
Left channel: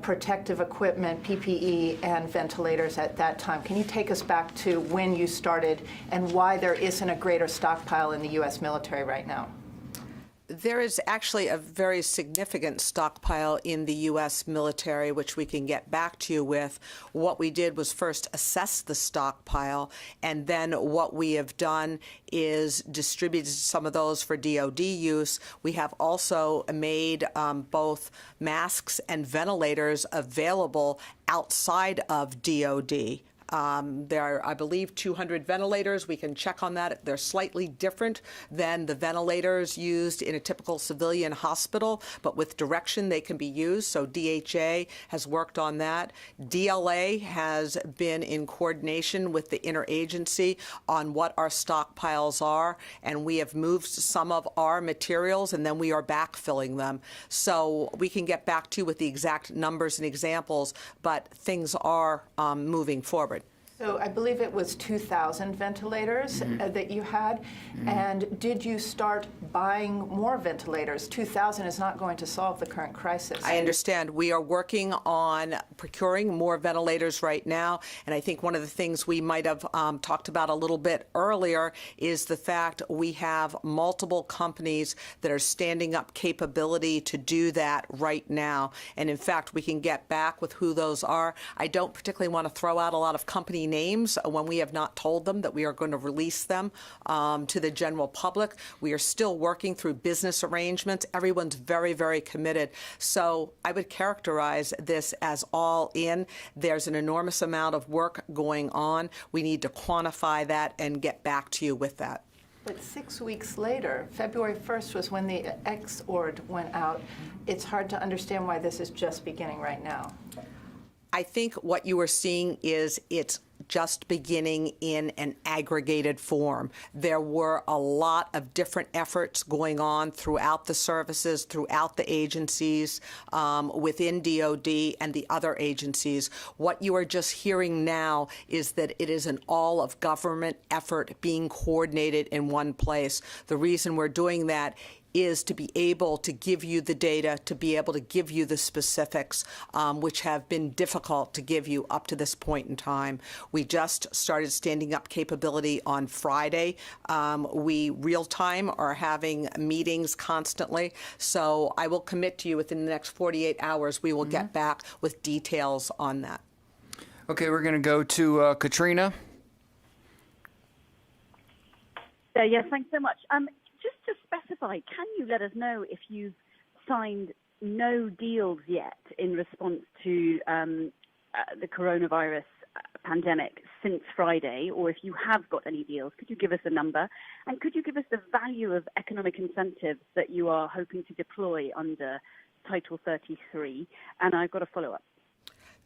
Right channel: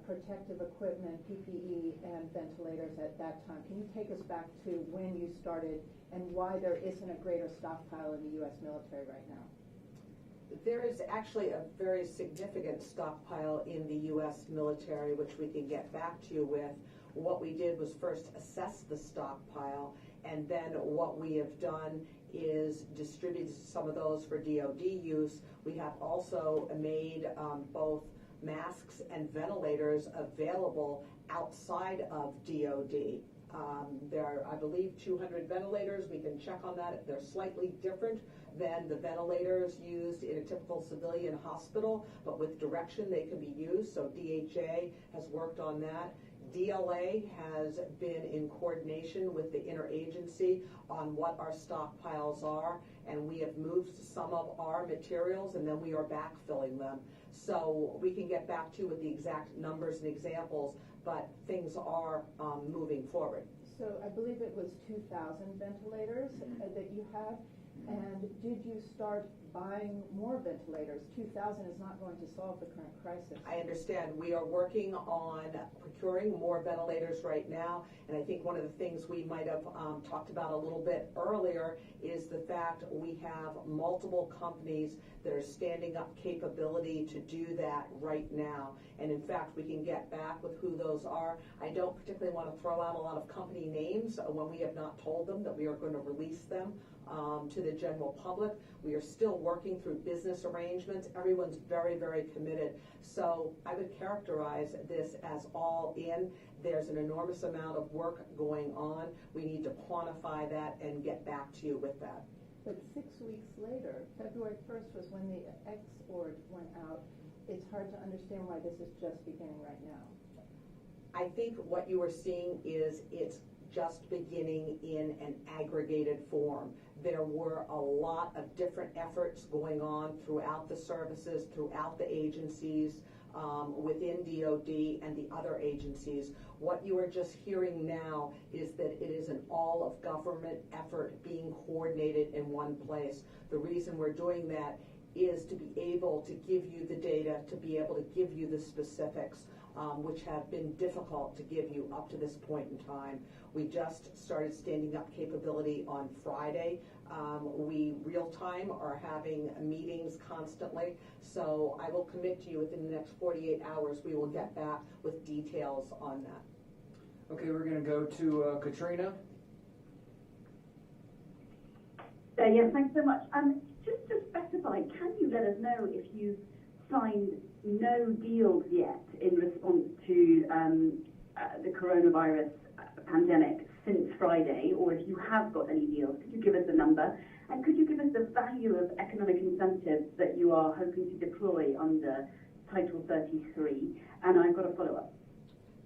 protective equipment, PPE, and ventilators at that time? Can you take us back to when you started and why there isn't a greater stockpile in the U.S. military right now? There is actually a very significant stockpile in the U.S. military, which we can get back to you with. What we did was first assess the stockpile, and then what we have done is distributed some of those for DoD use. We have also made both masks and ventilators available outside of DoD. There are, I believe, 200 ventilators. We can check on that. They're slightly different than the ventilators used in a typical civilian hospital, but with direction they can be used. So DHA has worked on that. DLA has been in coordination with the interagency on what our stockpiles are, and we have moved some of our materials, and then we are backfilling them. So we can get back to you with the exact numbers and examples, but things are moving forward. So I believe it was 2,000 ventilators that you had. And did you start buying more ventilators? 2,000 is not going to solve the current crisis. I understand. We are working on procuring more ventilators right now. And I think one of the things we might have talked about a little bit earlier is the fact we have multiple companies that are standing up capability to do that right now. And in fact, we can get back with who those are. I don't particularly want to throw out a lot of company names when we have not told them that we are going to release them to the general public. We are still working through business arrangements. Everyone's very, very committed. So I would characterize this as all in. There's an enormous amount of work going on. We need to quantify that and get back to you with that. But 6 weeks later, February 1st was when the X-ord went out. It's hard to understand why this is just beginning right now. I think what you are seeing is it's just beginning in an aggregated form. There were a lot of different efforts going on throughout the services, throughout the agencies, within DOD and the other agencies. What you are just hearing now is that it is an all-of-government effort being coordinated in one place. The reason we're doing that is to be able to give you the data, to be able to give you the specifics, which have been difficult to give you up to this point in time. We just started standing up capability on Friday. We real-time are having meetings constantly, so I will commit to you within the next 48 hours, we will get back with details on that. Okay, we're going to go to Katrina. Yes, thanks so much. Just to specify, can you let us know if you've signed no deals yet in response to the coronavirus pandemic since Friday, or if you have got any deals? Could you give us a number? And could you give us the value of economic incentives that you are hoping to deploy under Title 33? And I've got a follow-up.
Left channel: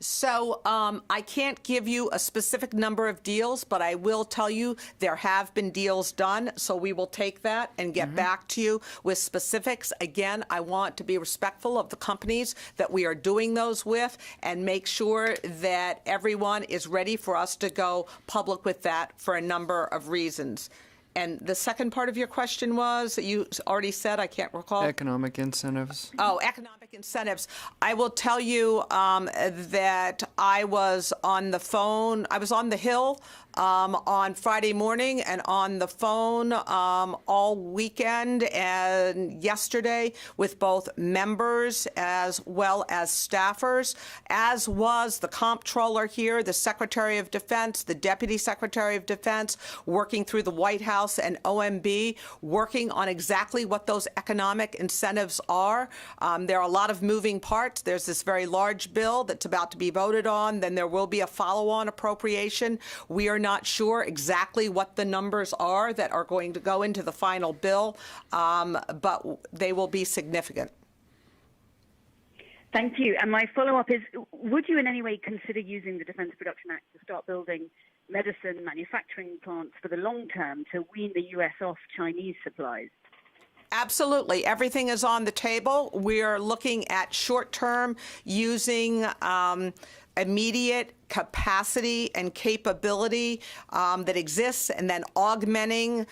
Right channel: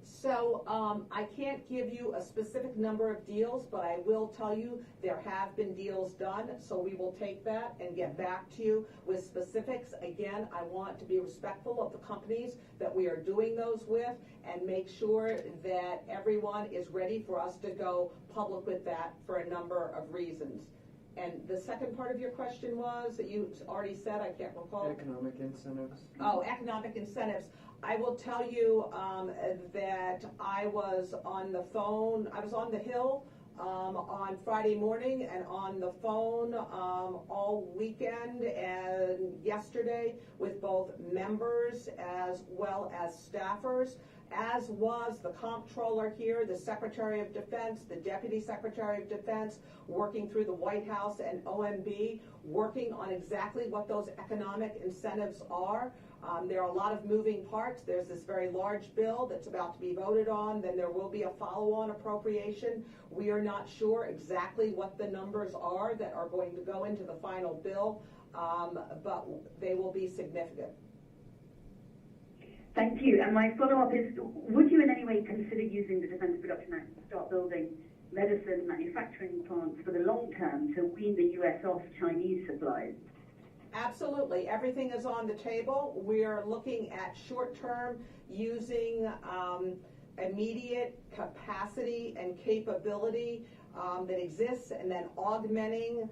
So I can't give you a specific number of deals, but I will tell you there have been deals done, so we will take that and get back to you with specifics. Again, I want to be respectful of the companies that we are doing those with and make sure that everyone is ready for us to go public with that for a number of reasons. And the second part of your question was, that you already said, I can't recall. Economic incentives. Oh, economic incentives. I will tell you that I was on the phone, I was on the Hill on Friday morning and on the phone all weekend and yesterday with both members as well as staffers, as was the comptroller here, the Secretary of Defense, the Deputy Secretary of Defense, working through the White House and OMB, working on exactly what those economic incentives are. There are a lot of moving parts. There's this very large bill that's about to be voted on. Then there will be a follow-on appropriation. We are not sure exactly what the numbers are that are going to go into the final bill, but they will be significant. Thank you. And my follow-up is, would you in any way consider using the Defense Production Act to start building medicine manufacturing plants for the long term to wean the U.S. off Chinese supplies? Absolutely. Everything is on the table. We are looking at short-term using immediate capacity and capability that exists, and then augmenting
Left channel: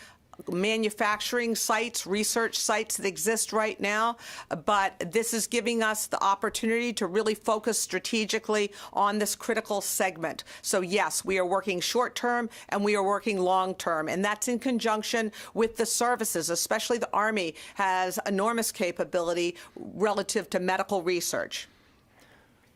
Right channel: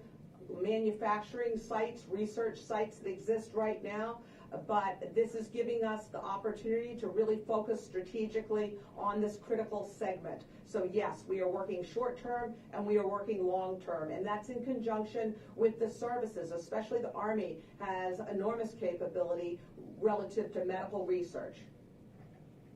manufacturing sites, research sites that exist right now. But this is giving us the opportunity to really focus strategically on this critical segment. So yes, we are working short-term and we are working long-term, and that's in conjunction with the services, especially the Army has enormous capability relative to medical research.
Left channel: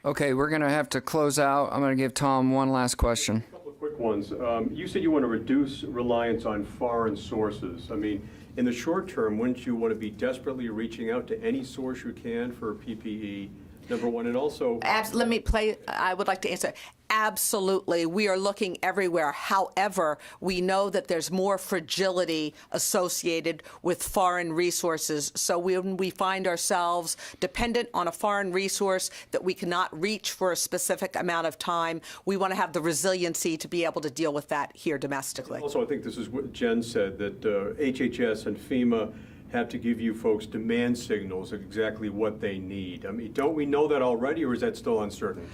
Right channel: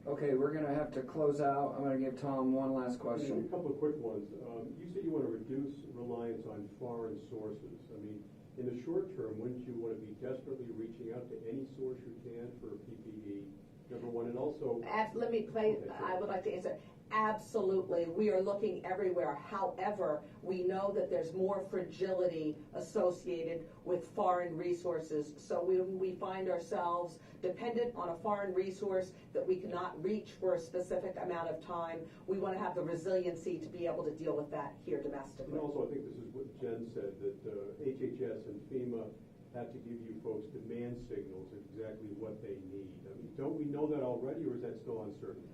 Okay, we're going to have to close out. I'm going to give Tom one last question. A couple of quick ones. You said you want to reduce reliance on foreign sources. I mean, in the short term, wouldn't you want to be desperately reaching out to any source you can for PPE, number one, and also... I would like to answer. Absolutely. We are looking everywhere. However, we know that there's more fragility associated with foreign resources. So when we find ourselves dependent on a foreign resource that we cannot reach for a specific amount of time, we want to have the resiliency to be able to deal with that here domestically. Also, I think this is what Jen said, that HHS and FEMA have to give you folks demand signals of exactly what they need. I mean, don't we know that already, or is that still uncertain?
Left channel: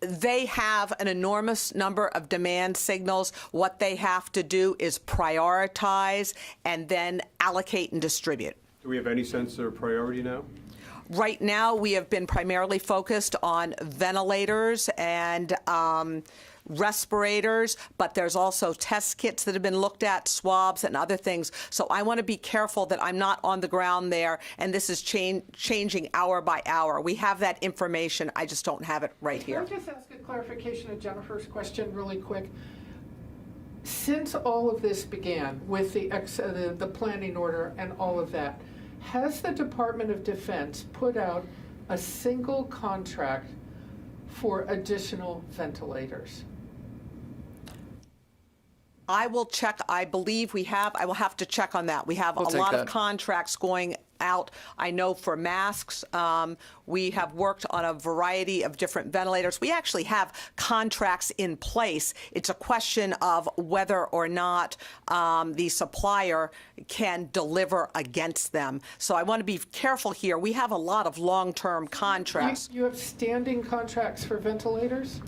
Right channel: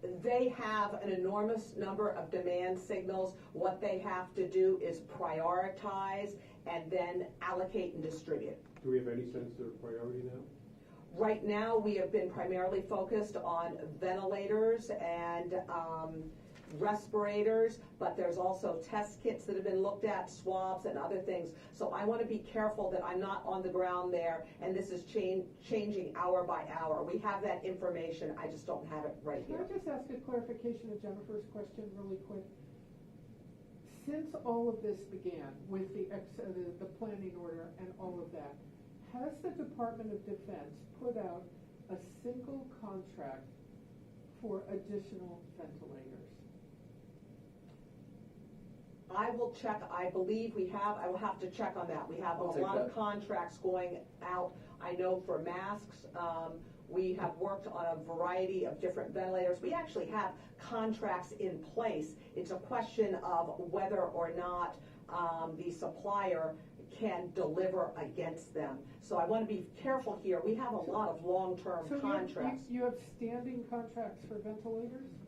They have an enormous number of demand signals. What they have to do is prioritize and then allocate and distribute. Do we have any sense of their priority now? Right now, we have been primarily focused on ventilators and respirators, but there's also test kits that have been looked at, swabs and other things. So I want to be careful that I'm not on the ground there, and this is changing hour by hour. We have that information, I just don't have it right here. Can I just ask a clarification of Jennifer's question really quick? Since all of this began with the planning order and all of that, has the Department of Defense put out a single contract for additional ventilators? I will check. I believe we have. I will have to check on that. We have a lot of contracts going out. I know for masks, we have worked on a variety of different ventilators. We actually have contracts in place. It's a question of whether or not the supplier can deliver against them. So I want to be careful here. We have a lot of long-term contracts. You have standing contracts for ventilators?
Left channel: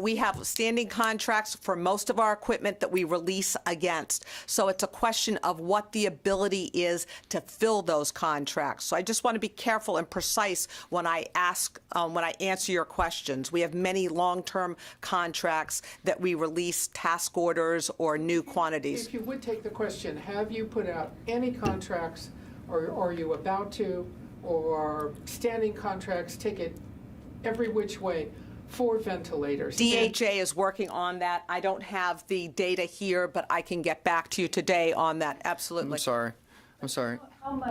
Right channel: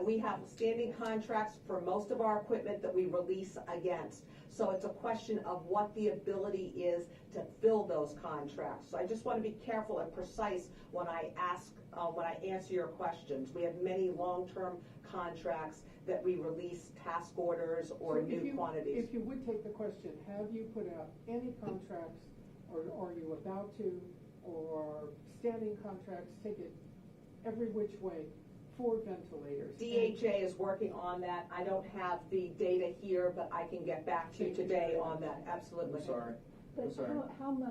We have standing contracts for most of our equipment that we release against. So it's a question of what the ability is to fill those contracts. So I just want to be careful and precise when I answer your questions. We have many long-term contracts that we release task orders or new quantities. If you would take the question, have you put out any contracts, or are you about to, or standing contracts, take it every which way, for ventilators? DHA is working on that. I don't have the data here, but I can get back to you today on that. Absolutely. I'm sorry.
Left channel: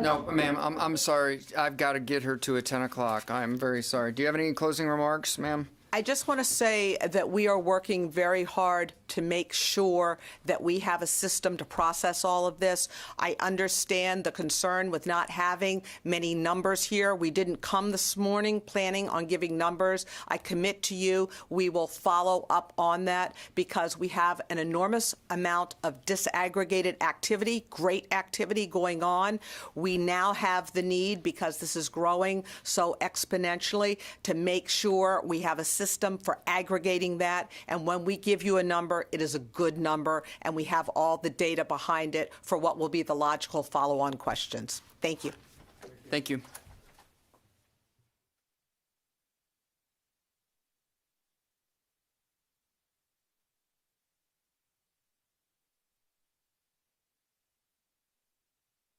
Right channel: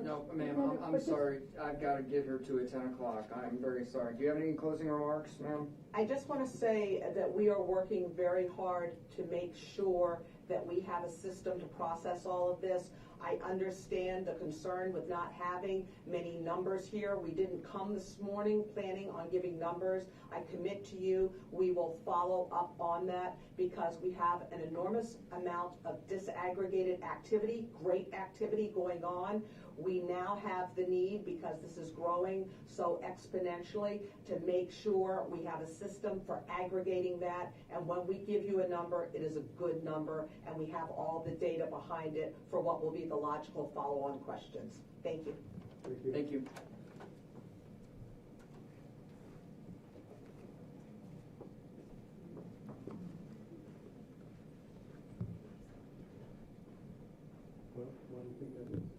No, ma'am, I'm sorry. I've got to get her to 10 o'clock. I'm very sorry. Do you have any closing remarks, ma'am? I just want to say that we are working very hard to make sure that we have a system to process all of this. I understand the concern with not having many numbers here. We didn't come this morning planning on giving numbers. I commit to you we will follow up on that because we have an enormous amount of disaggregated activity, great activity going on. We now have the need, because this is growing so exponentially, to make sure we have a system for aggregating that, and when we give you a number, it is a good number, and we have all the data behind it for what will be the logical follow-on questions. Thank you. Thank you. Well, why do you think that is?